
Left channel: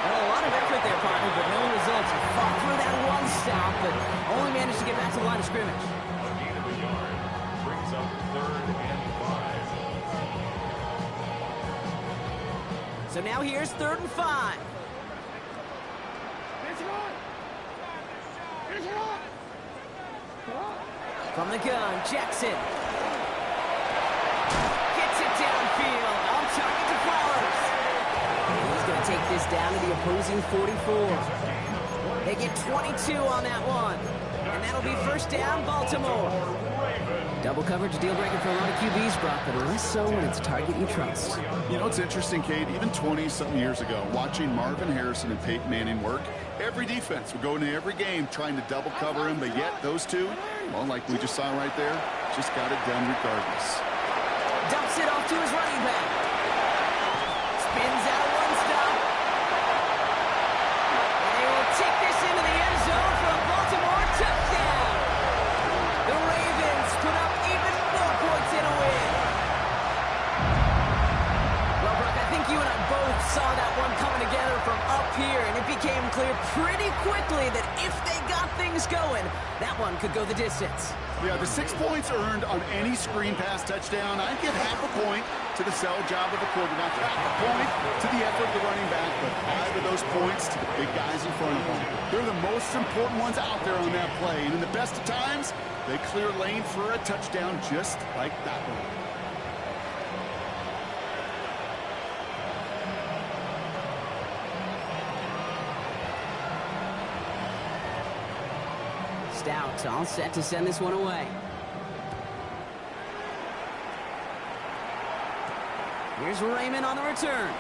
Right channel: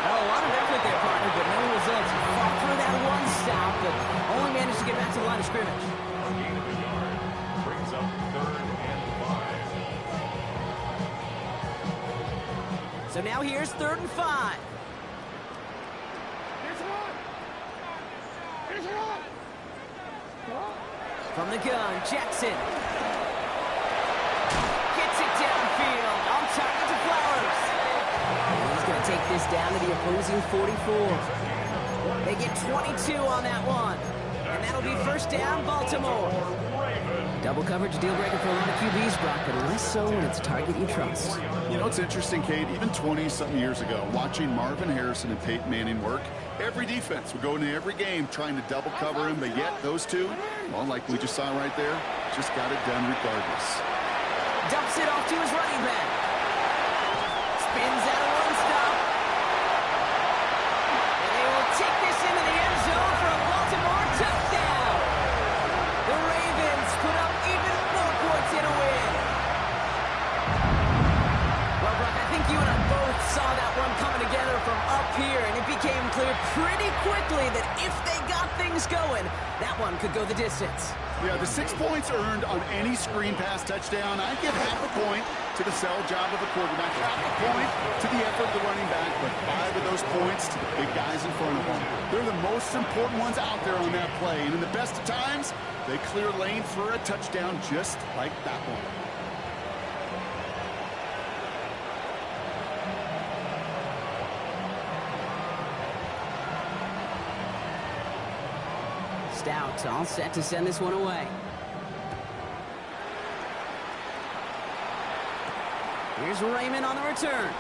Well, a lot of effort there, partner, but no results. Fought through that one stop, but only managed to get back to the line of scrimmage. A gain of a yard brings up 3rd and 5. So now here's 3rd and 5. From the gun, Jackson. Gets it downfield. On target to Flowers. He's going to take this down to the opposing 44. They get 22 on that one. And that'll be 1st down, Baltimore. Double coverage, deal breaker for a lot of QBs, Brock, but less so when it's a target you trust. You know, it's interesting, Kate, even 20-something years ago, watching Marvin Harrison and Peyton Manning work, every defense would go into every game trying to double cover him, but yet those two, well, like we just saw right there, just got it done regardless. Dumps it off to his running back. Spins out of one stop. And they will take this into the end zone for a Baltimore touchdown. The Ravens put up even more points in a win. Well, Brock, I think you and I both saw that one coming together from up here, and it became clear pretty quickly that if they got things going, that one could go the distance. Yeah, the 6 points earned on any screen pass touchdown, I'd give half a point to the sell job of the quarterback, half a point to the effort of the running back, but 5 of those points to the big guys in front of them. They're the most important ones out there on that play, and in the best of times, they clear lane for a touchdown just like that one. Stout all set to send this one away. Here's Raymond on the return.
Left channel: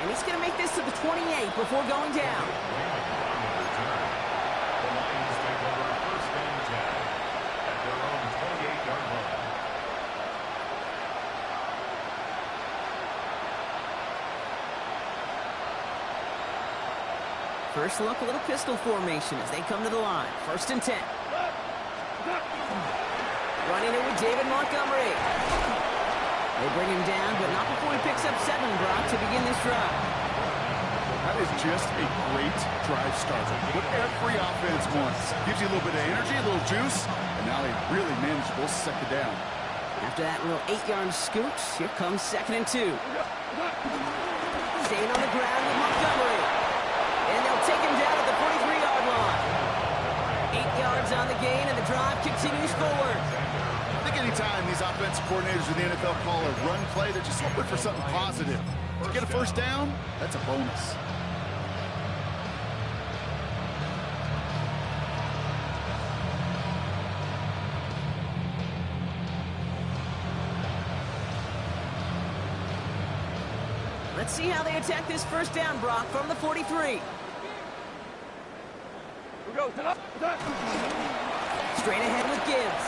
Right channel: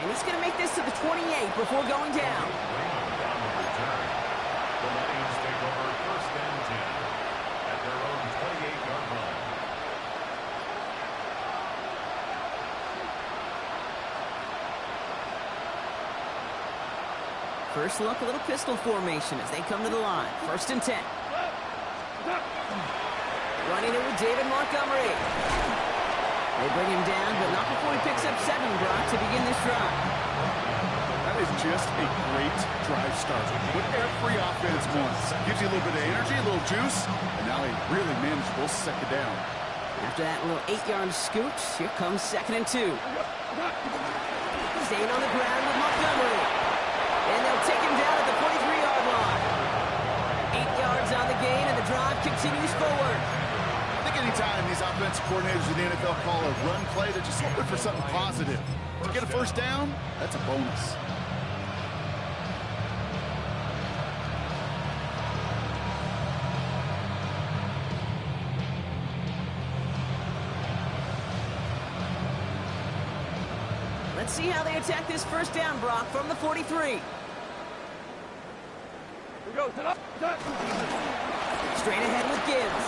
And he's going to make this to the 28 before going down. Raymond on the return. The Lions take over first and 10 at their own 28-yard line. First look, a little pistol formation as they come to the line. First and 10. Running it with David Montgomery. They bring him down, but not before he picks up 7, Brock, to begin this drive. That is just a great drive starter. What every offense wants. Gives you a little bit of energy, a little juice, and now a really manageable second down. After that little 8-yard scoot, here comes 2nd and 2. Staying on the ground with Montgomery. And they'll take him down at the 43-yard line. 8 yards on the gain, and the drive continues forward. I think anytime these offensive coordinators in the NFL call a run play, they're just hoping for something positive. To get a first down, that's a bonus. Let's see how they attack this first down, Brock, from the 43. We go. Straight ahead with Gibbs.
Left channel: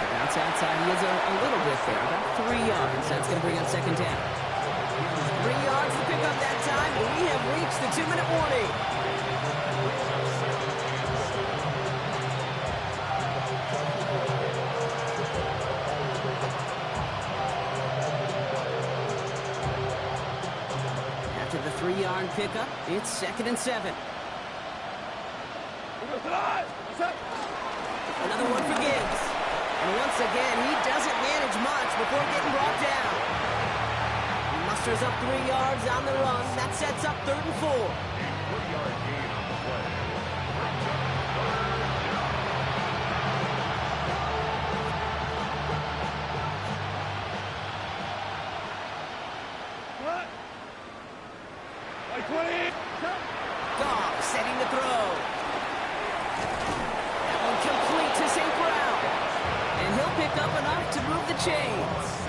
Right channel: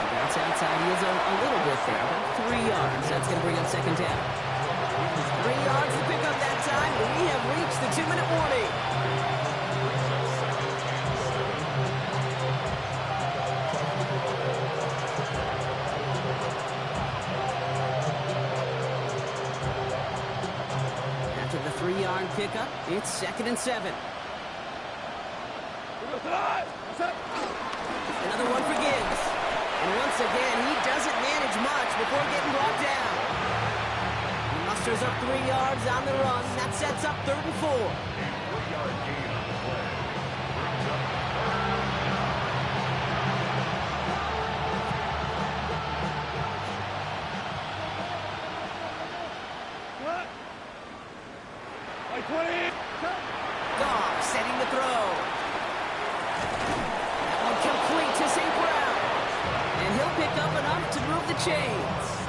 The bounce outside, he is a little bit there, about 3 yards. That's going to bring up 2nd down. 3 yards to pick up that time, and we have reached the 2-minute warning. After the 3-yard pickup, it's 2nd and 7. Another one for Gibbs. And once again, he doesn't manage much before getting brought down. He musters up 3 yards on the run. That sets up 3rd and 4. A 3-yard gain on the play. Brings up 3rd down. What? Like 20. Goff setting the throw. That one complete to St. Brown. And he'll pick up enough to move the chains.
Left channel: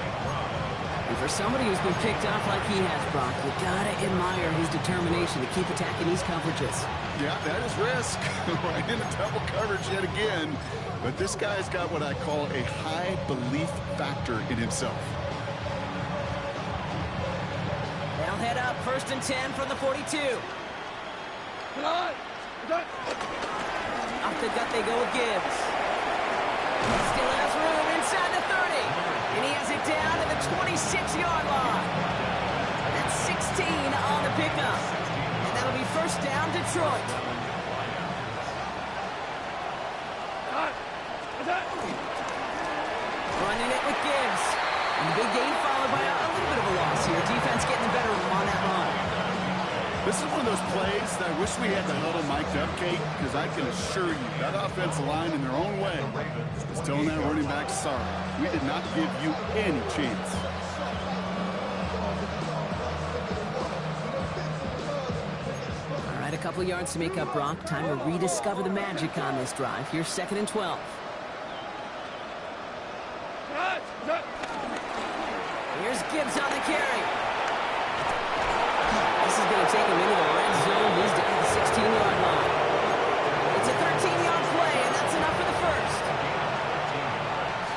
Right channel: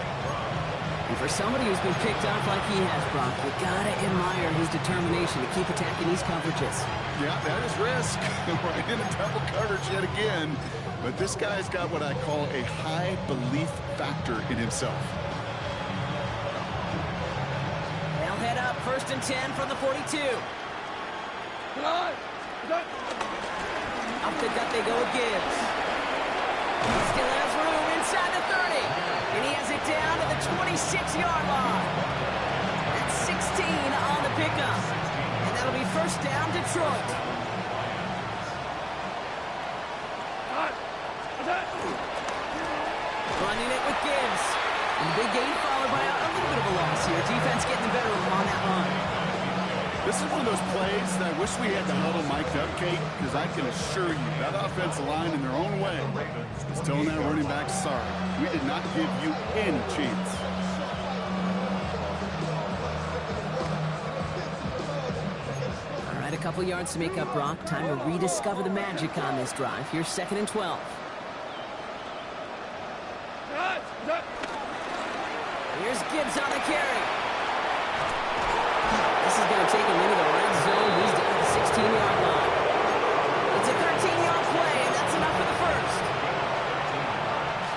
And for somebody who's been picked off like he has, Brock, you gotta admire his determination to keep attacking these coverages. Yeah, that is risk. Right into double coverage yet again. But this guy's got what I call a high belief factor in himself. They'll head up 1st and 10 from the 42. Up the gut they go with Gibbs. Still has room inside the 30. And he has it down to the 26-yard line. That's 16 on the pickup. And that'll be first down, Detroit. Running it with Gibbs. And the big gain followed by a little bit of a loss here. Defense getting the better of him on that run. This is one of those plays that I wish we had the huddle mic'd up, Kate, because I can assure you that offensive line in their own way is telling that running back, sorry, we did not give you any chance. All right, a couple yards to make up, Brock. Time to rediscover the magic on this drive. Here's 2nd and 12. Here's Gibbs on the carry. This is going to take him into the red zone. He's down at the 16-yard line. It's a 13-yard play, and that's enough for the first. 13 yards.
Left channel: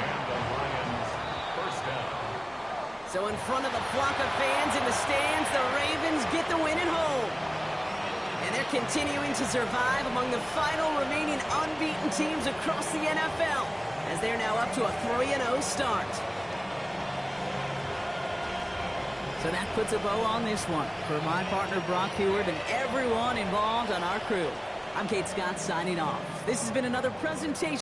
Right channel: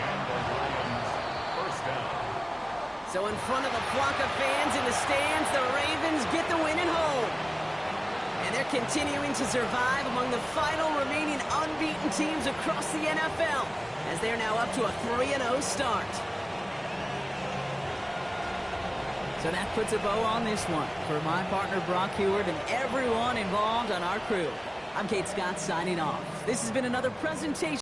And the Lions first down. So in front of the flock of fans in the stands, the Ravens get the win at home. And they're continuing to survive among the final remaining unbeaten teams across the NFL, as they're now up to a 3-0 start. So that puts a bow on this one. For my partner, Brock Heward, and everyone involved on our crew, I'm Kate Scott signing off. This has been another presentation